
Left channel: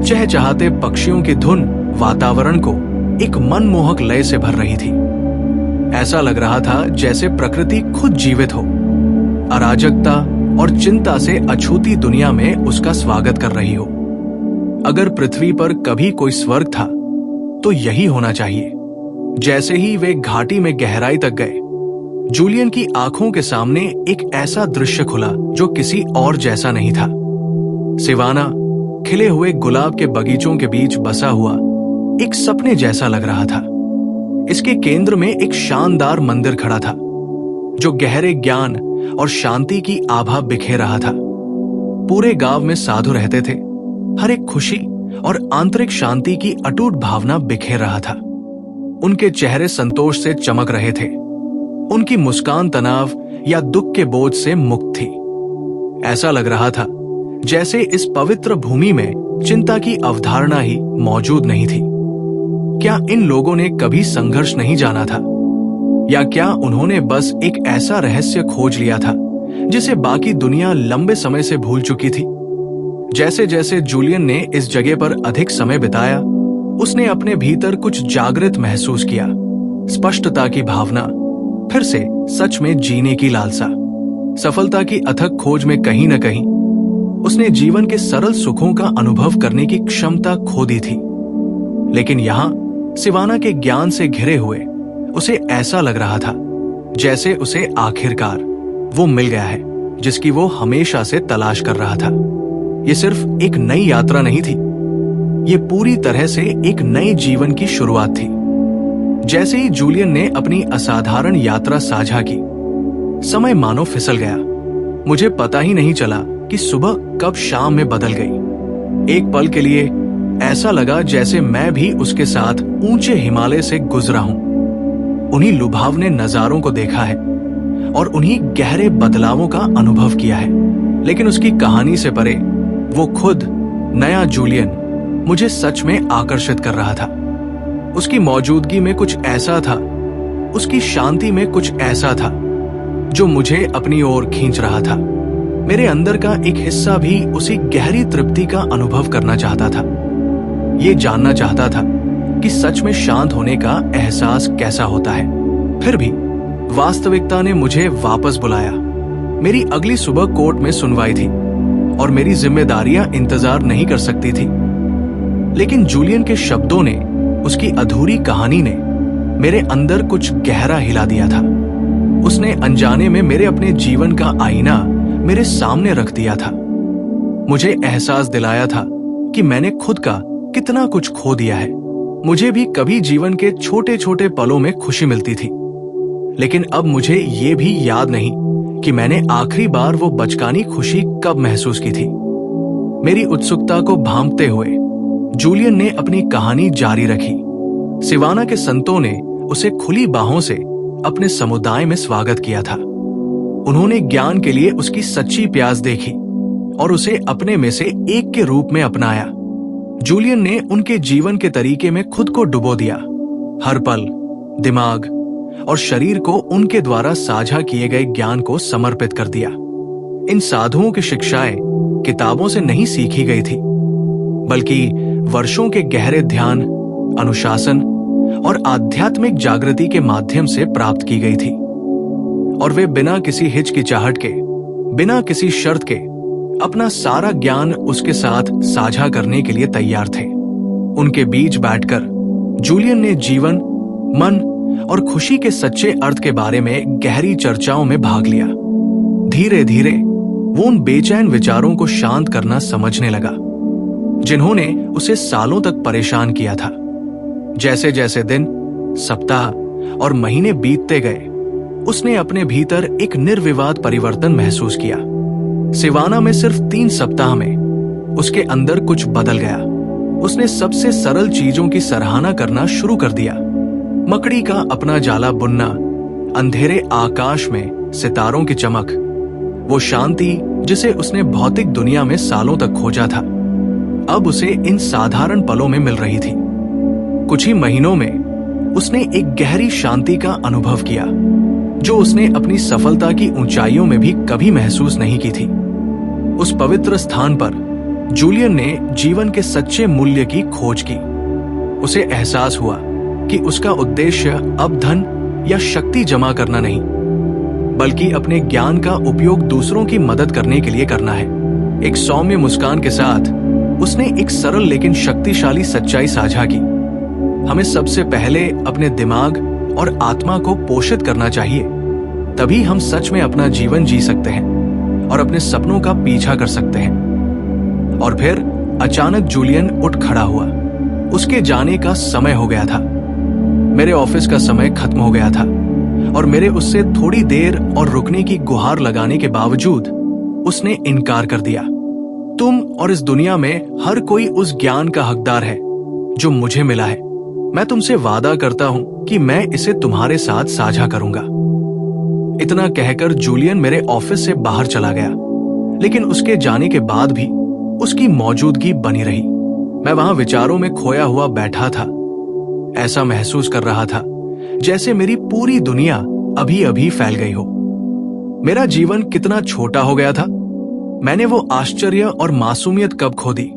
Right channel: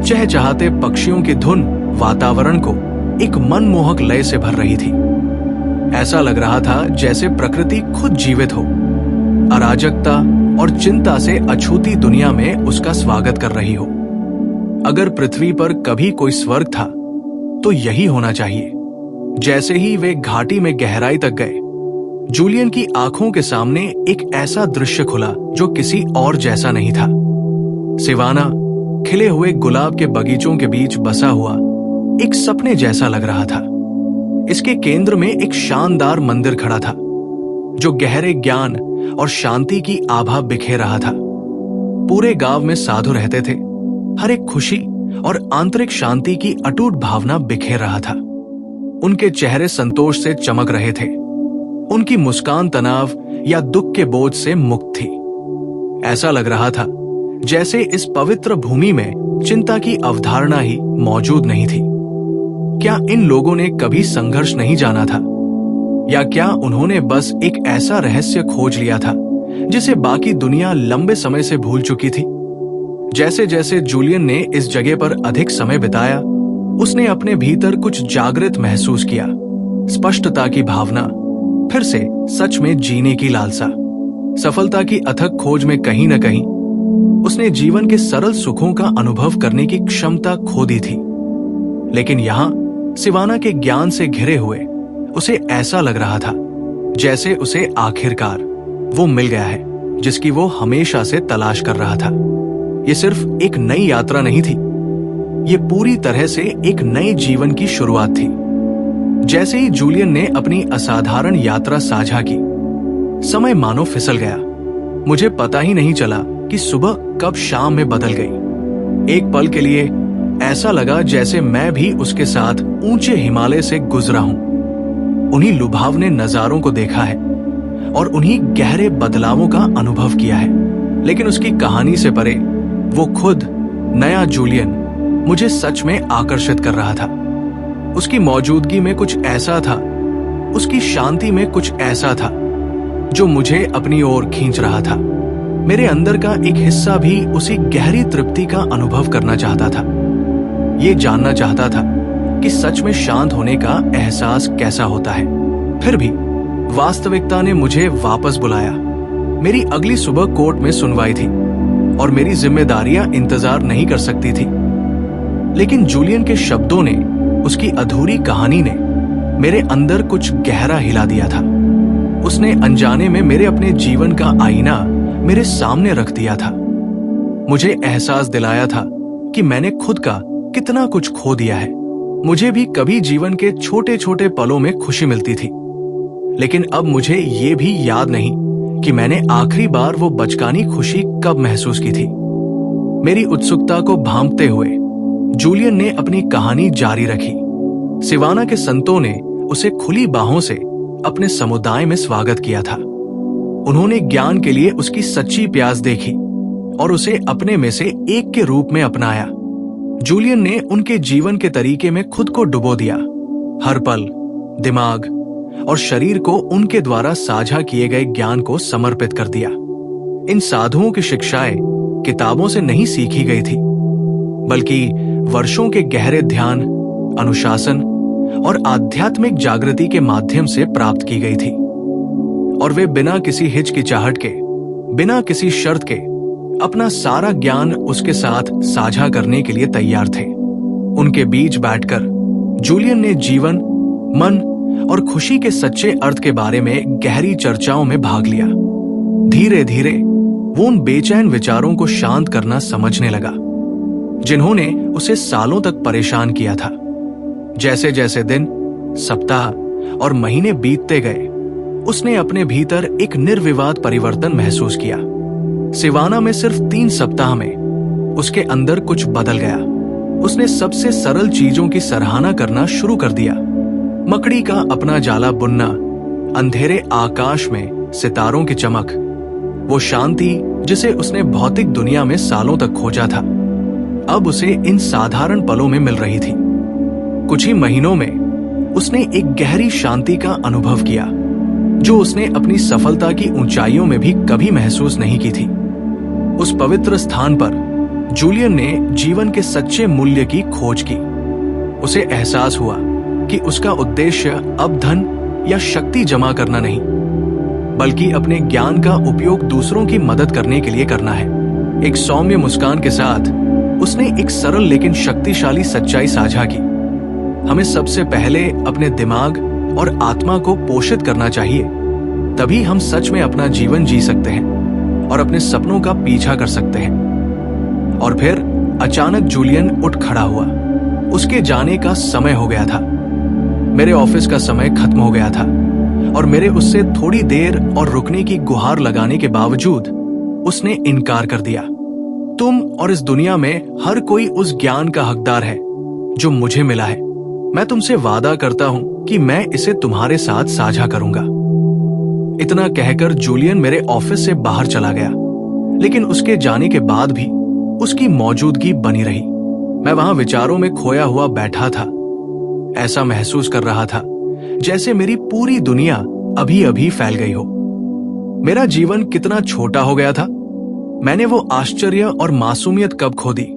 चहचहाते पक्षियों की धुन वातावरण को एक मनमोहक लय से भर रही थी। ऐसा लग रहा था जैसे प्रकृति खुद जीवित हो, अराजकता और चिंता से अछूती दुनिया में उसका स्वागत कर रही हो। अगर पृथ्वी पर कभी कोई स्वर्ग था तो यही होना चाहिए। जैसे ही वे घाटी में गहराई तक गए, जूलियन की आंखों के सामने एक ऐसा दृश्य खुला जो किसी और जैसा नहीं था। सिवाना खिले हुए गुलाब के बगीचों के बीच बसा हुआ एक सपने जैसा लग रहा था। इसके केंद्र में एक शानदार मंदिर खड़ा था जो गहरे ज्ञान और शांति की आभा बिखेर रहा था। पूरे गांव में साधु रहते थे। हर एक खुशी और आंतरिक शांति की अटूट भावना बिखेर रहा था। उनके चेहरे संतोष से चमक रहे थे। उनकी मुस्कान तनाव या दुख के बोझ से मुक्त थी। ऐसा लग रहा था जैसे इस पवित्र भूमि में चिंता की अवधारणा ही मौजूद नहीं थी। क्या इन लोगों ने कभी संघर्ष नहीं जाना था, या क्या उन्होंने बस एक ऐसा रहस्य खोज लिया था जिसे बाकी दुनिया लंबे समय से भूल चुकी थी? जैसे जैसे जूलियन ने इस जगह पर अधिक समय बिताया, उसने अपने भीतर कुछ जागृत महसूस किया। स्पष्टता की भावना, फिर से सच में जीने की लालसा, सफलता की अथक खोज में कहीं न कहीं उसने जीवन के सरल सुखों का अनुभव करने की क्षमता खो दी थी। लेकिन यहां सिवाना के ज्ञान से घिरे हुए उसे ऐसा लग रहा था जैसे उसे आखिरकार वो मिल गया है जिसकी वो हमेशा से तलाश कर रहा था। ये सिर्फ एक नई यात्रा नहीं थी, ये पूरी तरह से एक नए जीवन की शुरुआत थी। जैसे ही जूलियन ने अपनी असाधारण यात्रा साझा की, समय मानो फिसल गया। मुझे पता ही नहीं चला कि सुबह कब शाम में बदल गई। एक पल के लिए ऐसा लगा जैसे मैं भी उसके साथ ऊंचे हिमालय से गुजरा हूं, उन्हीं लुभावने नजारों को देखा है और उन्हीं गहरे बदलावों का अनुभव किया है। लेकिन उसकी कहानी से परे वो खुद नया जूलियन मुझे सच में आकर्षित कर रहा था। उसकी मौजूदगी में कुछ ऐसा था, उसकी शांति में कुछ ऐसा था जो मुझे अपनी ओर खींच रहा था। मेरे अंदर का एक हिस्सा भी उसी गहरी तृप्ति का अनुभव करना चाहता था। ये जानना चाहता था कि सच में शांत होने का एहसास कैसा होता है। फिर भी वास्तविकता ने मुझे वापस बुलाया। मेरी अगली सुबह कोर्ट में सुनवाई थी और मेरी जिम्मेदारियां इंतजार नहीं कर सकती थी। लेकिन जूलियन के शब्दों ने, उसकी अधूरी कहानी ने मेरे अंदर कुछ गहरा हिला दिया था। उसने अनजाने में मेरे अपने जीवन का आईना मेरे सामने रख दिया था। मुझे एहसास दिलाया था कि मैंने खुद का कितना कुछ खो दिया है। मुझे भी कभी जीवन के छोटे छोटे पलों में खुशी मिलती थी, लेकिन अब मुझे ये भी याद नहीं कि मैंने आखिरी बार वो बचकानी खुशी कब महसूस की थी। मेरी उत्सुकता को भांपते हुए जूलियन ने अपनी कहानी जारी रखी। सिवाना के संतों ने उसे खुली बाहों से अपने समुदाय में स्वागत किया था। उन्होंने ज्ञान के लिए उसकी सच्ची प्यास देखी और उसे अपने में से एक के रूप में अपनाया। जूलियन ने उनके जीवन के तरीके में खुद को डुबो दिया, हर पल दिमाग और शरीर को उनके द्वारा साझा किए गए ज्ञान को समर्पित कर दिया। इन साधुओं की शिक्षाएं किताबों से नहीं सीखी गई थी, बल्कि वर्षों के गहरे ध्यान, अनुशासन और आध्यात्मिक जागृति के माध्यम से प्राप्त की गई थी। और वे बिना किसी हिचकिचाहट के, बिना किसी शर्त के अपना सारा ज्ञान उसके साथ साझा करने के लिए तैयार थे। उनके बीच बैठकर जूलियन ने जीवन, मन और खुशी के सच्चे अर्थ के बारे में गहरी चर्चाओं में भाग लिया। धीरे धीरे वो उन बेचैन विचारों को शांत करना समझने लगा जिन्होंने उसे सालों तक परेशान किया था। जैसे जैसे दिन, सप्ताह और महीने बीतते गए, उसने अपने भीतर एक निर्विवाद परिवर्तन महसूस किया। सिवाना में सिर्फ 3 सप्ताह में उसके अंदर कुछ बदल गया। उसने सबसे सरल चीजों की सराहना करना शुरू कर दिया। मकड़ी का अपना जाला बुनना, अंधेरे आकाश में सितारों की चमक, वो शांति जिसे उसने भौतिक दुनिया में सालों तक खोजा था, अब उसे इन साधारण पलों में मिल रही थी। कुछ ही महीनों में उसने एक गहरी शांति का अनुभव किया जो उसने अपनी सफलता की ऊंचाइयों में भी कभी महसूस नहीं की थी। उस पवित्र स्थान पर जूलियन ने जीवन के सच्चे मूल्य की खोज की। उसे एहसास हुआ कि उसका उद्देश्य अब धन या शक्ति जमा करना नहीं, बल्कि अपने ज्ञान का उपयोग दूसरों की मदद करने के लिए करना है। एक सौम्य मुस्कान के साथ उसने एक सरल लेकिन शक्तिशाली सच्चाई साझा की। हमें सबसे पहले अपने दिमाग और आत्मा को पोषित करना चाहिए, तभी हम सच में अपना जीवन जी सकते हैं और अपने सपनों का पीछा कर सकते हैं। और फिर अचानक जूलियन उठ खड़ा हुआ। उसके जाने का समय हो गया था। मेरे ऑफिस का समय खत्म हो गया था और मेरे उससे थोड़ी देर और रुकने की गुहार लगाने के बावजूद उसने इनकार कर दिया। तुम और इस दुनिया में हर कोई उस ज्ञान का हकदार है जो मुझे मिला है। मैं तुमसे वादा करता हूं कि मैं इसे तुम्हारे साथ साझा करूंगा। इतना कहकर जूलियन मेरे ऑफिस से बाहर चला गया, लेकिन उसके जाने के बाद भी उसकी मौजूदगी बनी रही। मैं वहां विचारों में खोया हुआ बैठा था। ऐसा महसूस कर रहा था जैसे मेरी पूरी दुनिया अभी अभी फैल गई हो। मेरा जीवन कितना छोटा हो गया था। मैंने वो आश्चर्य और मासूमियत कब खो दी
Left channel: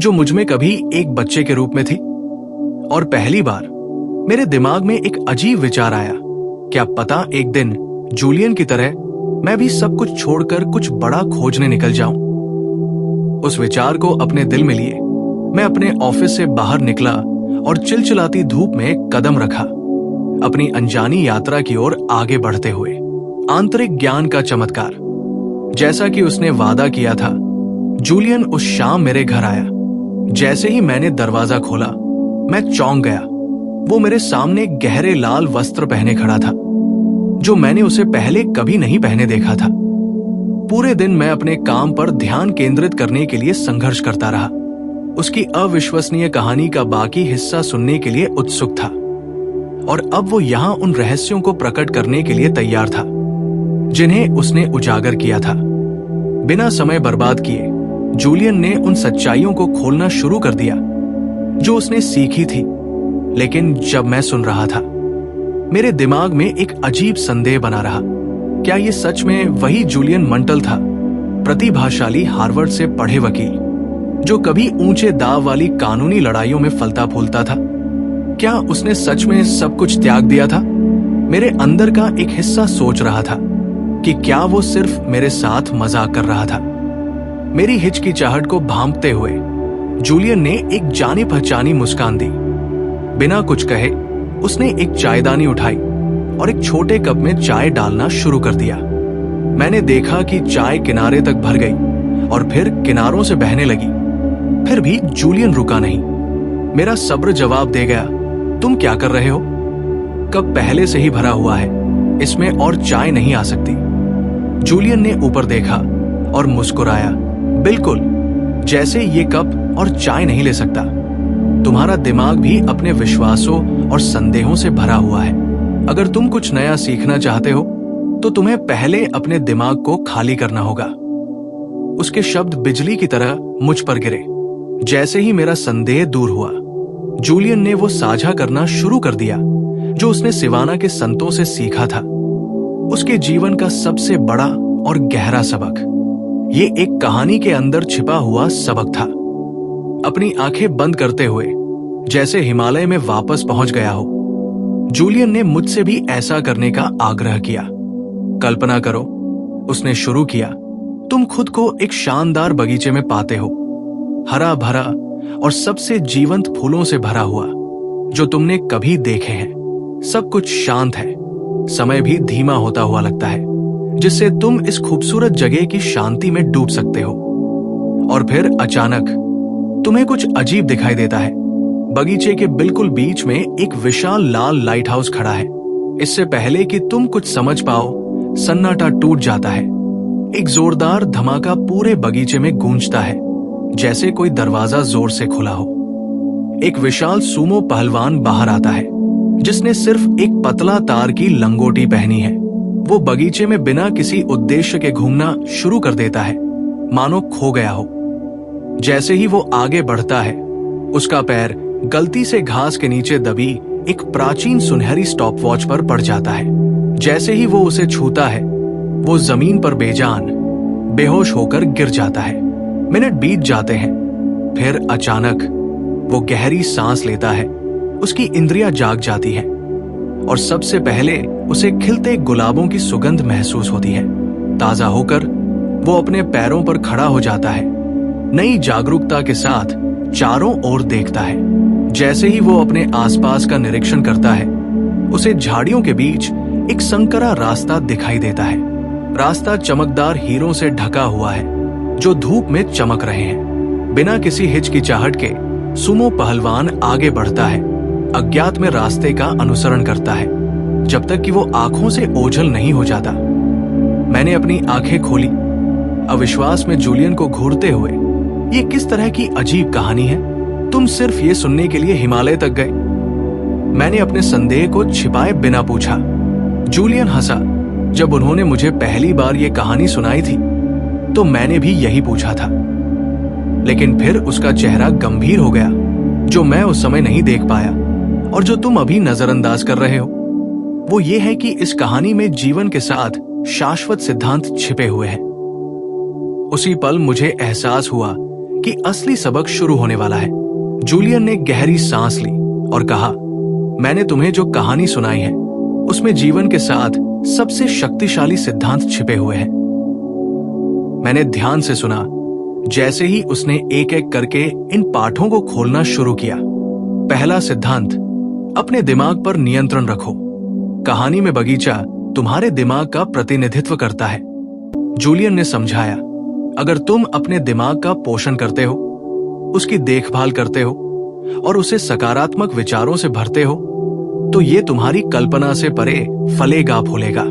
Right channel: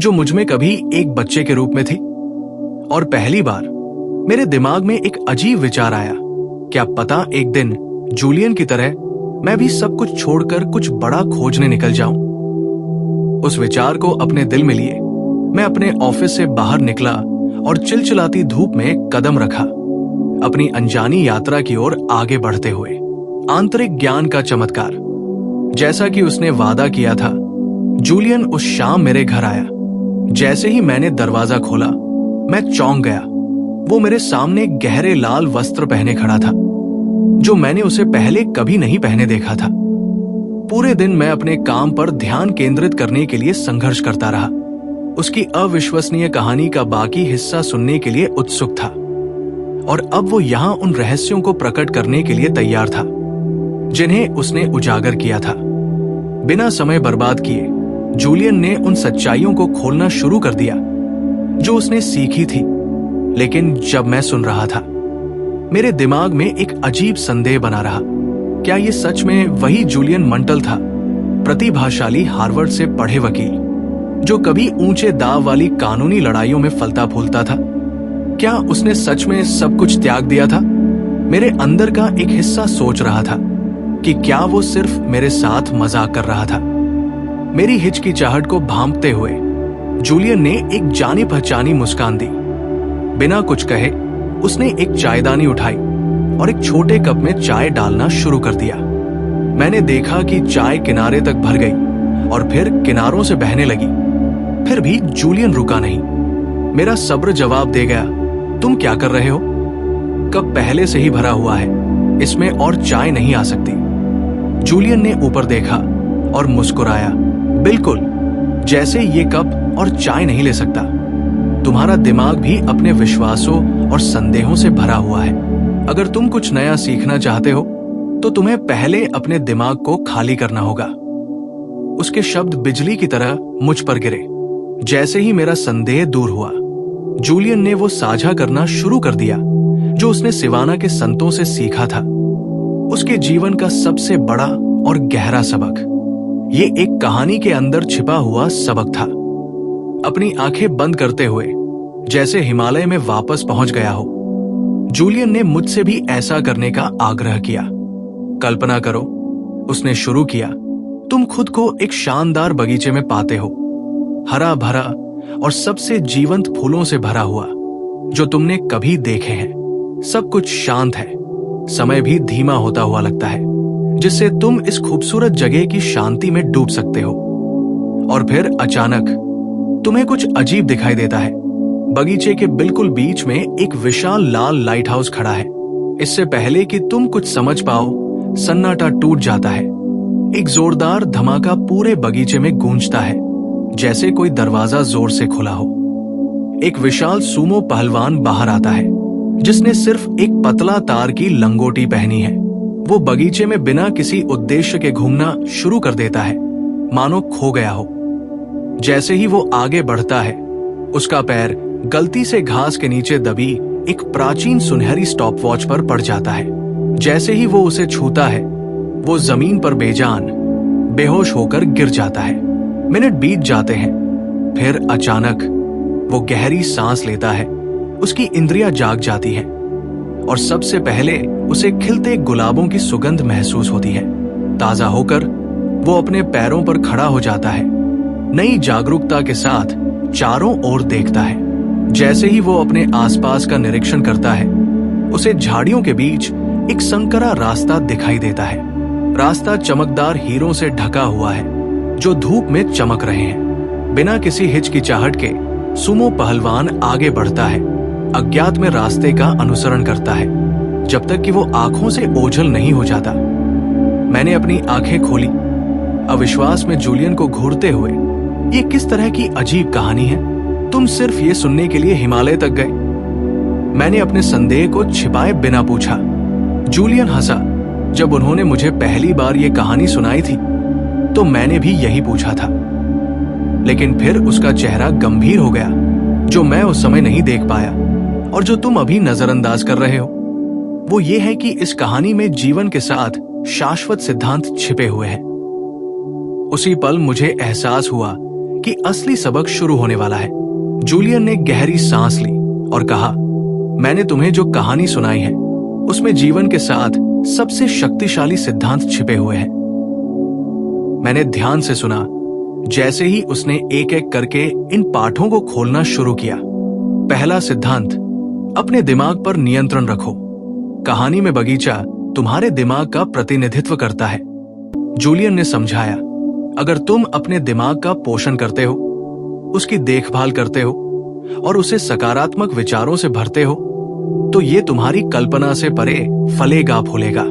जो मुझमें कभी एक बच्चे के रूप में थी। और पहली बार मेरे दिमाग में एक अजीब विचार आया, क्या पता एक दिन जूलियन की तरह मैं भी सब कुछ छोड़कर कुछ बड़ा खोजने निकल जाऊं। उस विचार को अपने दिल में लिए मैं अपने ऑफिस से बाहर निकला और चिलचिलाती धूप में कदम रखा, अपनी अनजानी यात्रा की ओर आगे बढ़ते हुए। आंतरिक ज्ञान का चमत्कार, जैसा कि उसने वादा किया था। जूलियन उस शाम मेरे घर आया। जैसे ही मैंने दरवाजा खोला, मैं चौंक गया। वो मेरे सामने गहरे लाल वस्त्र पहने खड़ा था, जो मैंने उसे पहले कभी नहीं पहने देखा था। पूरे दिन मैं अपने काम पर ध्यान केंद्रित करने के लिए संघर्ष करता रहा, उसकी अविश्वसनीय कहानी का बाकी हिस्सा सुनने के लिए उत्सुक था। और अब वो यहां उन रहस्यों को प्रकट करने के लिए तैयार था जिन्हें उसने उजागर किया था। बिना समय बर्बाद किए जूलियन ने उन सच्चाइयों को खोलना शुरू कर दिया जो उसने सीखी थी। लेकिन जब मैं सुन रहा था, मेरे दिमाग में एक अजीब संदेह बना रहा। क्या ये सच में वही जूलियन मंटल था, प्रतिभाशाली हार्वर्ड से पढ़े वकील, जो कभी ऊंचे दाव वाली कानूनी लड़ाइयों में फलता फूलता था? क्या उसने सच में सब कुछ त्याग दिया था? मेरे अंदर का एक हिस्सा सोच रहा था कि क्या वो सिर्फ मेरे साथ मजाक कर रहा था। मेरी हिचकिचाहट को भांपते हुए जूलियन ने एक जानी पहचानी मुस्कान दी। बिना कुछ कहे उसने एक चायदानी उठाई और एक छोटे कप में चाय डालना शुरू कर दिया। मैंने देखा कि चाय किनारे तक भर गई और फिर किनारों से बहने लगी। फिर भी जूलियन रुका नहीं। मेरा सब्र जवाब दे गया, तुम क्या कर रहे हो? कप पहले से ही भरा हुआ है, इसमें और चाय नहीं आ सकती। जूलियन ने ऊपर देखा और मुस्कुराया, बिल्कुल, जैसे ये कप और चाय नहीं ले सकता। तुम्हारा दिमाग भी अपने विश्वासों और संदेहों से भरा हुआ है। अगर तुम कुछ नया सीखना चाहते हो तो तुम्हें पहले अपने दिमाग को खाली करना होगा। उसके शब्द बिजली की तरह मुझ पर गिरे। जैसे ही मेरा संदेह दूर हुआ, जूलियन ने वो साझा करना शुरू कर दिया जो उसने सिवाना के संतों से सीखा था, उसके जीवन का सबसे बड़ा और गहरा सबक। ये एक कहानी के अंदर छिपा हुआ सबक था। अपनी आंखें बंद करते हुए, जैसे हिमालय में वापस पहुंच गया हो, जूलियन ने मुझसे भी ऐसा करने का आग्रह किया। कल्पना करो, उसने शुरू किया, तुम खुद को एक शानदार बगीचे में पाते हो, हरा भरा और सबसे जीवंत फूलों से भरा हुआ जो तुमने कभी देखे हैं। सब कुछ शांत है, समय भी धीमा होता हुआ लगता है, जिससे तुम इस खूबसूरत जगह की शांति में डूब सकते हो। और फिर अचानक तुम्हें कुछ अजीब दिखाई देता है। बगीचे के बिल्कुल बीच में एक विशाल लाल लाइट हाउस खड़ा है। इससे पहले कि तुम कुछ समझ पाओ, सन्नाटा टूट जाता है। एक जोरदार धमाका पूरे बगीचे में गूंजता है, जैसे कोई दरवाजा जोर से खुला हो। एक विशाल सूमो पहलवान बाहर आता है, जिसने सिर्फ एक पतला तार की लंगोटी पहनी है। वो बगीचे में बिना किसी उद्देश्य के घूमना शुरू कर देता है, मानो खो गया हो। जैसे ही वो आगे बढ़ता है, उसका पैर गलती से घास के नीचे दबी एक प्राचीन सुनहरी स्टॉपवॉच पर पड़ जाता है। जैसे ही वो उसे छूता है, वो जमीन पर बेजान, बेहोश होकर गिर जाता है। मिनट बीत जाते हैं, फिर अचानक वो गहरी सांस लेता है। उसकी इंद्रियां जाग जाती हैं और सबसे पहले उसे खिलते गुलाबों की सुगंध महसूस होती है। ताजा होकर वो अपने पैरों पर खड़ा हो जाता है, नई जागरूकता के साथ चारों ओर देखता है। जैसे ही वो अपने आसपास का निरीक्षण करता है, उसे झाड़ियों के बीच एक संकरा रास्ता दिखाई देता है। रास्ता चमकदार हीरों से ढका हुआ है, जो धूप में चमक रहे हैं। बिना किसी हिचकिचाहट के सुमो पहलवान आगे बढ़ता है, अज्ञात में रास्ते का अनुसरण करता है, जब तक कि वो आंखों से ओझल नहीं हो जाता। मैंने अपनी आंखें खोली, अविश्वास में जूलियन को घूरते हुए। ये किस तरह की अजीब कहानी है? तुम सिर्फ ये सुनने के लिए हिमालय तक गए? मैंने अपने संदेह को छिपाए बिना पूछा। जूलियन हंसा। जब उन्होंने मुझे पहली बार ये कहानी सुनाई थी, तो मैंने भी यही पूछा था। लेकिन फिर उसका चेहरा गंभीर हो गया, जो मैं उस समय नहीं देख पाया और जो तुम अभी नजरअंदाज कर रहे हो। वो ये है कि इस कहानी में जीवन के साथ शाश्वत सिद्धांत छिपे हुए हैं। उसी पल मुझे एहसास हुआ कि असली सबक शुरू होने वाला है। जूलियन ने गहरी सांस ली और कहा, मैंने तुम्हें जो कहानी सुनाई है, उसमें जीवन के साथ सबसे शक्तिशाली सिद्धांत छिपे हुए हैं। मैंने ध्यान से सुना। जैसे ही उसने एक एक करके इन पाठों को खोलना शुरू किया। पहला सिद्धांत, अपने दिमाग पर नियंत्रण रखो। कहानी में बगीचा तुम्हारे दिमाग का प्रतिनिधित्व करता है। जूलियन ने समझाया, अगर तुम अपने दिमाग का पोषण करते हो, उसकी देखभाल करते हो और उसे सकारात्मक विचारों से भरते हो, तो ये तुम्हारी कल्पना से परे फलेगा फूलेगा।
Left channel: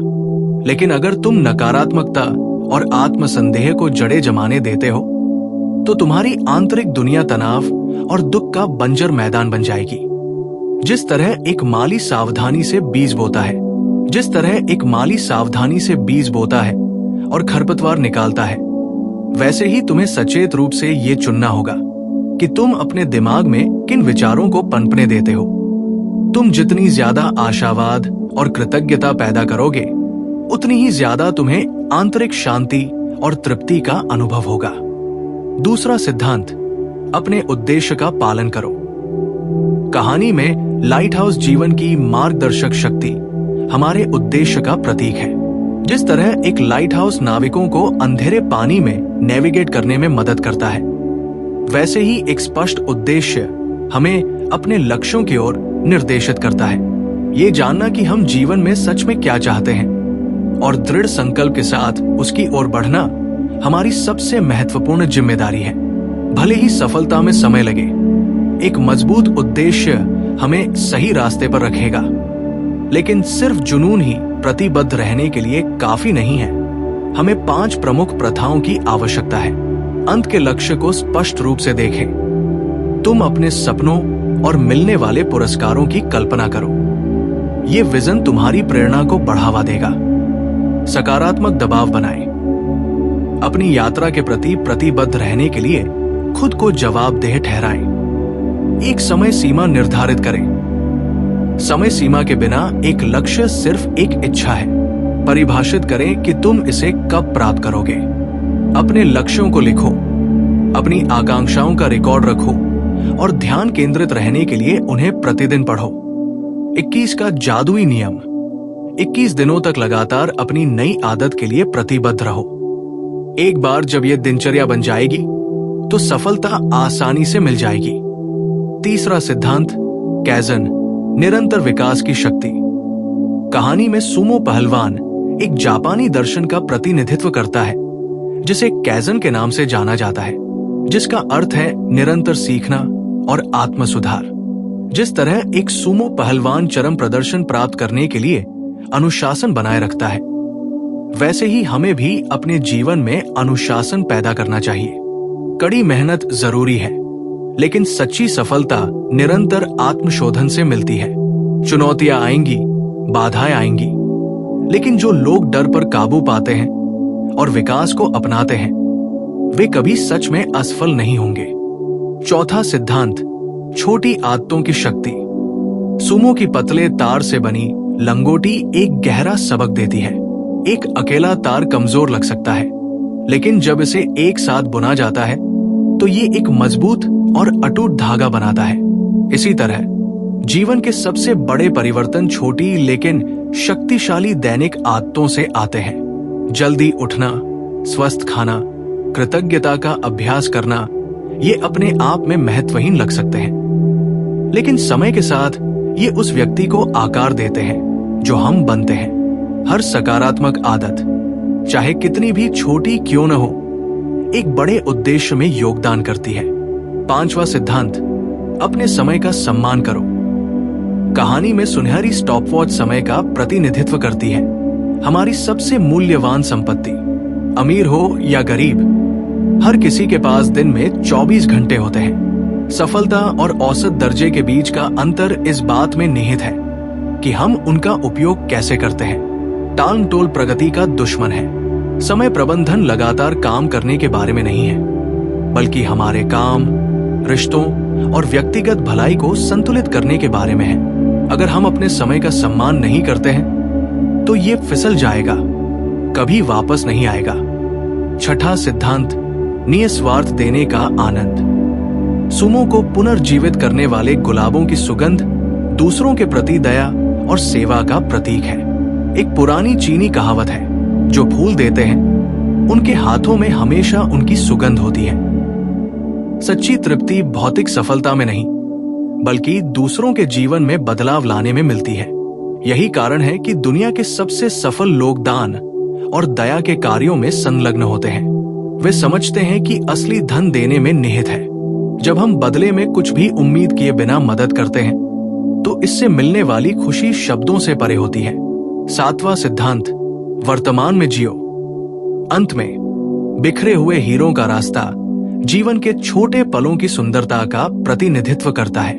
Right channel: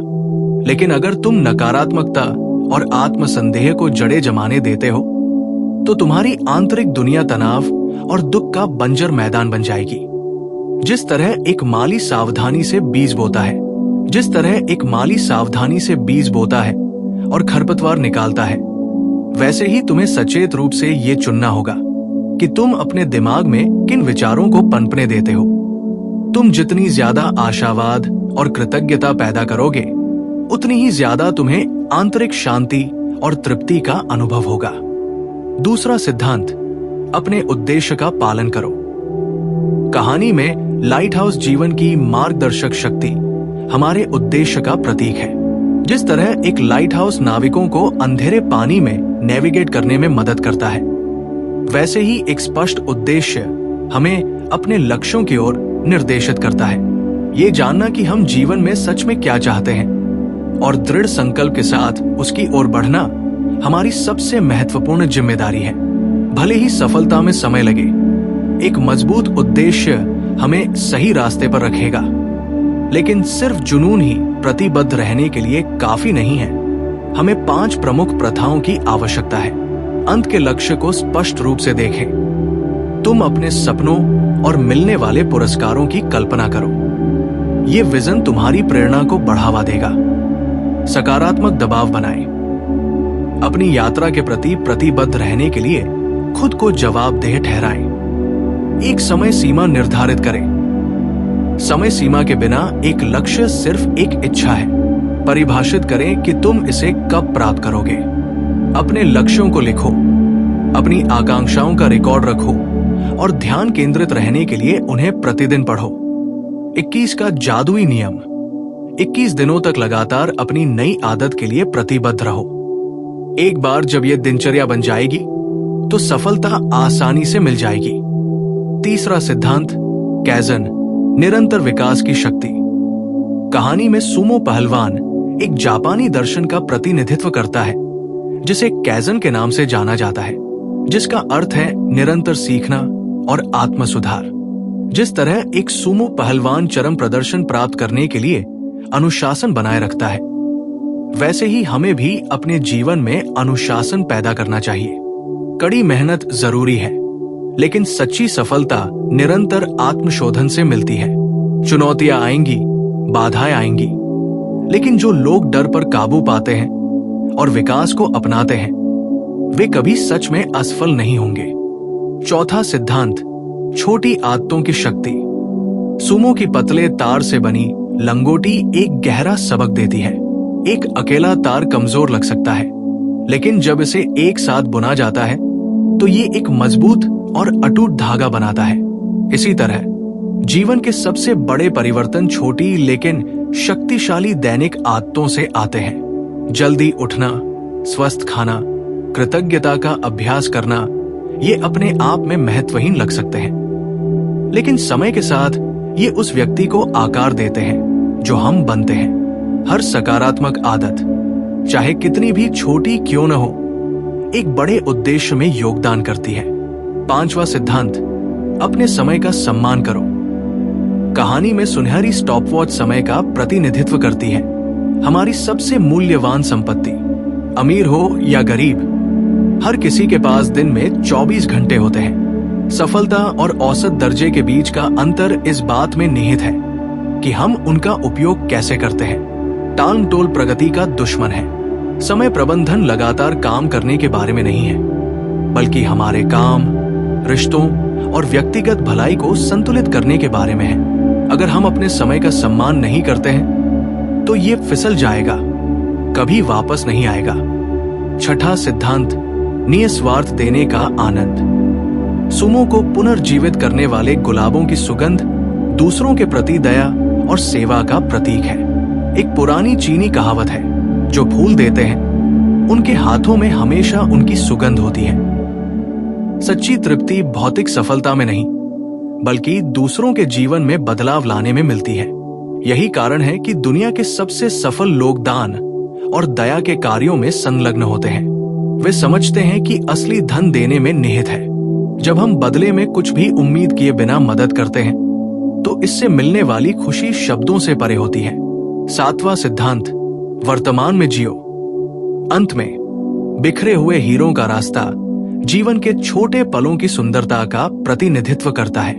लेकिन अगर तुम नकारात्मकता और आत्मसंदेह को जड़े जमाने देते हो तो तुम्हारी आंतरिक दुनिया तनाव और दुख का बंजर मैदान बन जाएगी। जिस तरह एक माली सावधानी से बीज बोता है, और खरपतवार निकालता है, वैसे ही तुम्हें सचेत रूप से ये चुनना होगा कि तुम अपने दिमाग में किन विचारों को पनपने देते हो। तुम जितनी ज्यादा आशावाद और कृतज्ञता पैदा करोगे, उतनी ही ज्यादा तुम्हें आंतरिक शांति और तृप्ति का अनुभव होगा। दूसरा सिद्धांत, अपने उद्देश्य का पालन करो। कहानी में लाइट हाउस जीवन की मार्गदर्शक शक्ति हमारे उद्देश्य का प्रतीक है। जिस तरह एक लाइट हाउस नाविकों को अंधेरे पानी में नेविगेट करने में मदद करता है, वैसे ही एक स्पष्ट उद्देश्य हमें अपने लक्ष्यों की ओर निर्देशित करता है। ये जानना कि हम जीवन में सच में क्या चाहते हैं और दृढ़ संकल्प के साथ उसकी ओर बढ़ना हमारी सबसे महत्वपूर्ण जिम्मेदारी है। भले ही सफलता में समय लगे, एक मजबूत उद्देश्य हमें सही रास्ते पर रखेगा। लेकिन सिर्फ जुनून ही प्रतिबद्ध रहने के लिए काफी नहीं है। हमें 5 प्रमुख प्रथाओं की आवश्यकता है। अंत के लक्ष्य को स्पष्ट रूप से देखें। तुम अपने सपनों और मिलने वाले पुरस्कारों की कल्पना करो। ये विजन तुम्हारी प्रेरणा को बढ़ावा देगा। सकारात्मक दबाव बनाएं। अपनी यात्रा के प्रति प्रतिबद्ध रहने के लिए खुद को जवाबदेह ठहराएं। एक समय सीमा निर्धारित करें। समय सीमा के बिना एक लक्ष्य सिर्फ एक इच्छा है। परिभाषित करें कि तुम इसे कब प्राप्त करोगे। अपने लक्ष्यों को लिखो, अपनी आकांक्षाओं का रिकॉर्ड रखो और ध्यान केंद्रित रहने के लिए उन्हें प्रतिदिन पढ़ो। 21 का जादुई नियम। 21 दिनों तक लगातार अपनी नई आदत के लिए प्रतिबद्ध रहो। एक बार जब यह दिनचर्या बन जाएगी तो सफलता आसानी से मिल जाएगी। तीसरा सिद्धांत, कैज़न, निरंतर विकास की शक्ति। कहानी में सुमो पहलवान एक जापानी दर्शन का प्रतिनिधित्व करता है जिसे कैज़न के नाम से जाना जाता है, जिसका अर्थ है निरंतर सीखना और आत्म सुधार। जिस तरह एक सुमो पहलवान चरम प्रदर्शन प्राप्त करने के लिए अनुशासन बनाए रखता है, वैसे ही हमें भी अपने जीवन में अनुशासन पैदा करना चाहिए। कड़ी मेहनत जरूरी है, लेकिन सच्ची सफलता निरंतर आत्मशोधन से मिलती है। चुनौतियां आएंगी, बाधाएं आएंगी, लेकिन जो लोग डर पर काबू पाते हैं और विकास को अपनाते हैं, वे कभी सच में असफल नहीं होंगे। चौथा सिद्धांत, छोटी आदतों की शक्ति। सुमो की पतले तार से बनी लंगोटी एक गहरा सबक देती है। एक अकेला तार कमजोर लग सकता है, लेकिन जब इसे एक साथ बुना जाता है तो ये एक मजबूत और अटूट धागा बनाता है। इसी तरह जीवन के सबसे बड़े परिवर्तन छोटी लेकिन शक्तिशाली दैनिक आदतों से आते हैं। जल्दी उठना, स्वस्थ खाना, कृतज्ञता का अभ्यास करना, ये अपने आप में महत्वहीन लग सकते हैं, लेकिन समय के साथ ये उस व्यक्ति को आकार देते हैं जो हम बनते हैं। हर सकारात्मक आदत, चाहे कितनी भी छोटी क्यों न हो, एक बड़े उद्देश्य में योगदान करती है। पांचवा सिद्धांत, अपने समय का सम्मान करो। कहानी में सुनहरी स्टॉपवॉच समय का प्रतिनिधित्व करती है। हमारी सबसे मूल्यवान संपत्ति, अमीर हो या गरीब, हर किसी के पास दिन में 24 घंटे होते हैं। सफलता और औसत दर्जे के बीच का अंतर इस बात में निहित है कि हम उनका उपयोग कैसे करते हैं। टालमटोल प्रगति का दुश्मन है। समय प्रबंधन लगातार काम करने के बारे में नहीं है, बल्कि हमारे काम, रिश्तों और व्यक्तिगत भलाई को संतुलित करने के बारे में है। अगर हम अपने समय का सम्मान नहीं करते हैं तो ये फिसल जाएगा, कभी वापस नहीं आएगा। छठा सिद्धांत, निस्वार्थ देने का आनंद। सुमो को पुनर्जीवित करने वाले गुलाबों की सुगंध दूसरों के प्रति दया और सेवा का प्रतीक है। एक पुरानी चीनी कहावत है, जो फूल देते हैं उनके हाथों में हमेशा उनकी सुगंध होती है। सच्ची तृप्ति भौतिक सफलता में नहीं, बल्कि दूसरों के जीवन में बदलाव लाने में मिलती है। यही कारण है कि दुनिया के सबसे सफल लोग दान और दया के कार्यों में संलग्न होते हैं। वे समझते हैं कि असली धन देने में निहित है। जब हम बदले में कुछ भी उम्मीद किए बिना मदद करते हैं तो इससे मिलने वाली खुशी शब्दों से परे होती है। 7वां सिद्धांत, वर्तमान में जियो। अंत में, बिखरे हुए हीरों का रास्ता जीवन के छोटे पलों की सुंदरता का प्रतिनिधित्व करता है।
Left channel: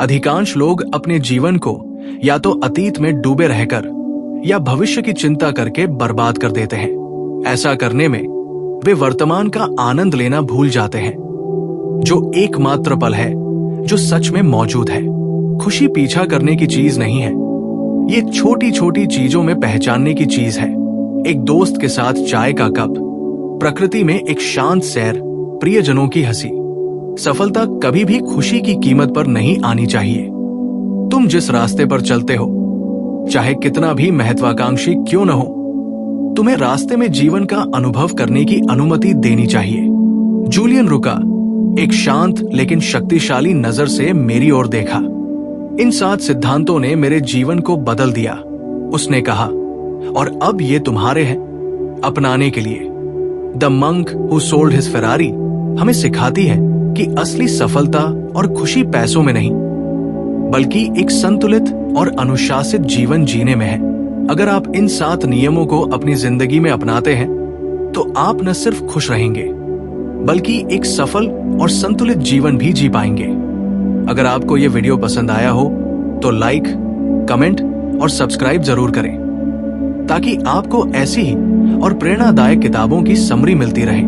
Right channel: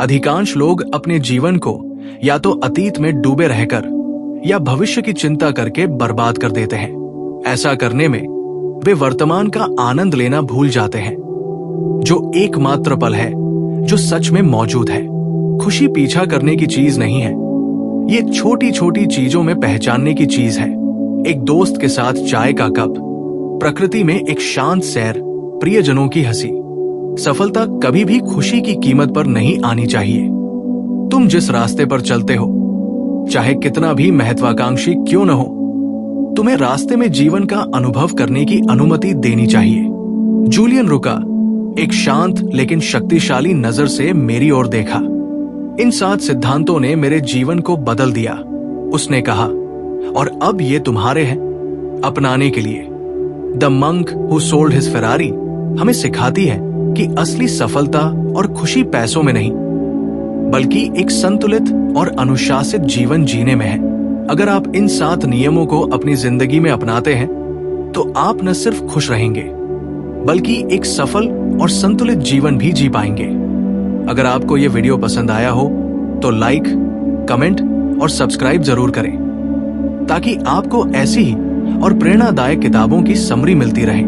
अधिकांश लोग अपने जीवन को या तो अतीत में डूबे रहकर या भविष्य की चिंता करके बर्बाद कर देते हैं। ऐसा करने में वे वर्तमान का आनंद लेना भूल जाते हैं, जो एकमात्र पल है जो सच में मौजूद है। खुशी पीछा करने की चीज नहीं है, ये छोटी छोटी चीजों में पहचानने की चीज है। एक दोस्त के साथ चाय का कप, प्रकृति में एक शांत सैर, प्रियजनों की हंसी। सफलता कभी भी खुशी की कीमत पर नहीं आनी चाहिए। तुम जिस रास्ते पर चलते हो, चाहे कितना भी महत्वाकांक्षी क्यों न हो, तुम्हें रास्ते में जीवन का अनुभव करने की अनुमति देनी चाहिए। जूलियन रुका एक शांत लेकिन शक्तिशाली नजर से मेरी ओर देखा। इन 7 सिद्धांतों ने मेरे जीवन को बदल दिया, उसने कहा, और अब ये तुम्हारे हैं अपनाने के लिए। The monk who sold his Ferrari हमें सिखाती है कि असली सफलता और खुशी पैसों में नहीं, बल्कि एक संतुलित और अनुशासित जीवन जीने में है। अगर आप इन 7 नियमों को अपनी जिंदगी में अपनाते हैं, तो आप न सिर्फ खुश रहेंगे, बल्कि एक सफल और संतुलित जीवन भी जी पाएंगे। अगर आपको यह वीडियो पसंद आया हो तो लाइक, कमेंट और सब्सक्राइब जरूर करें, ताकि आपको ऐसी ही और प्रेरणादायक किताबों की समरी मिलती रहे।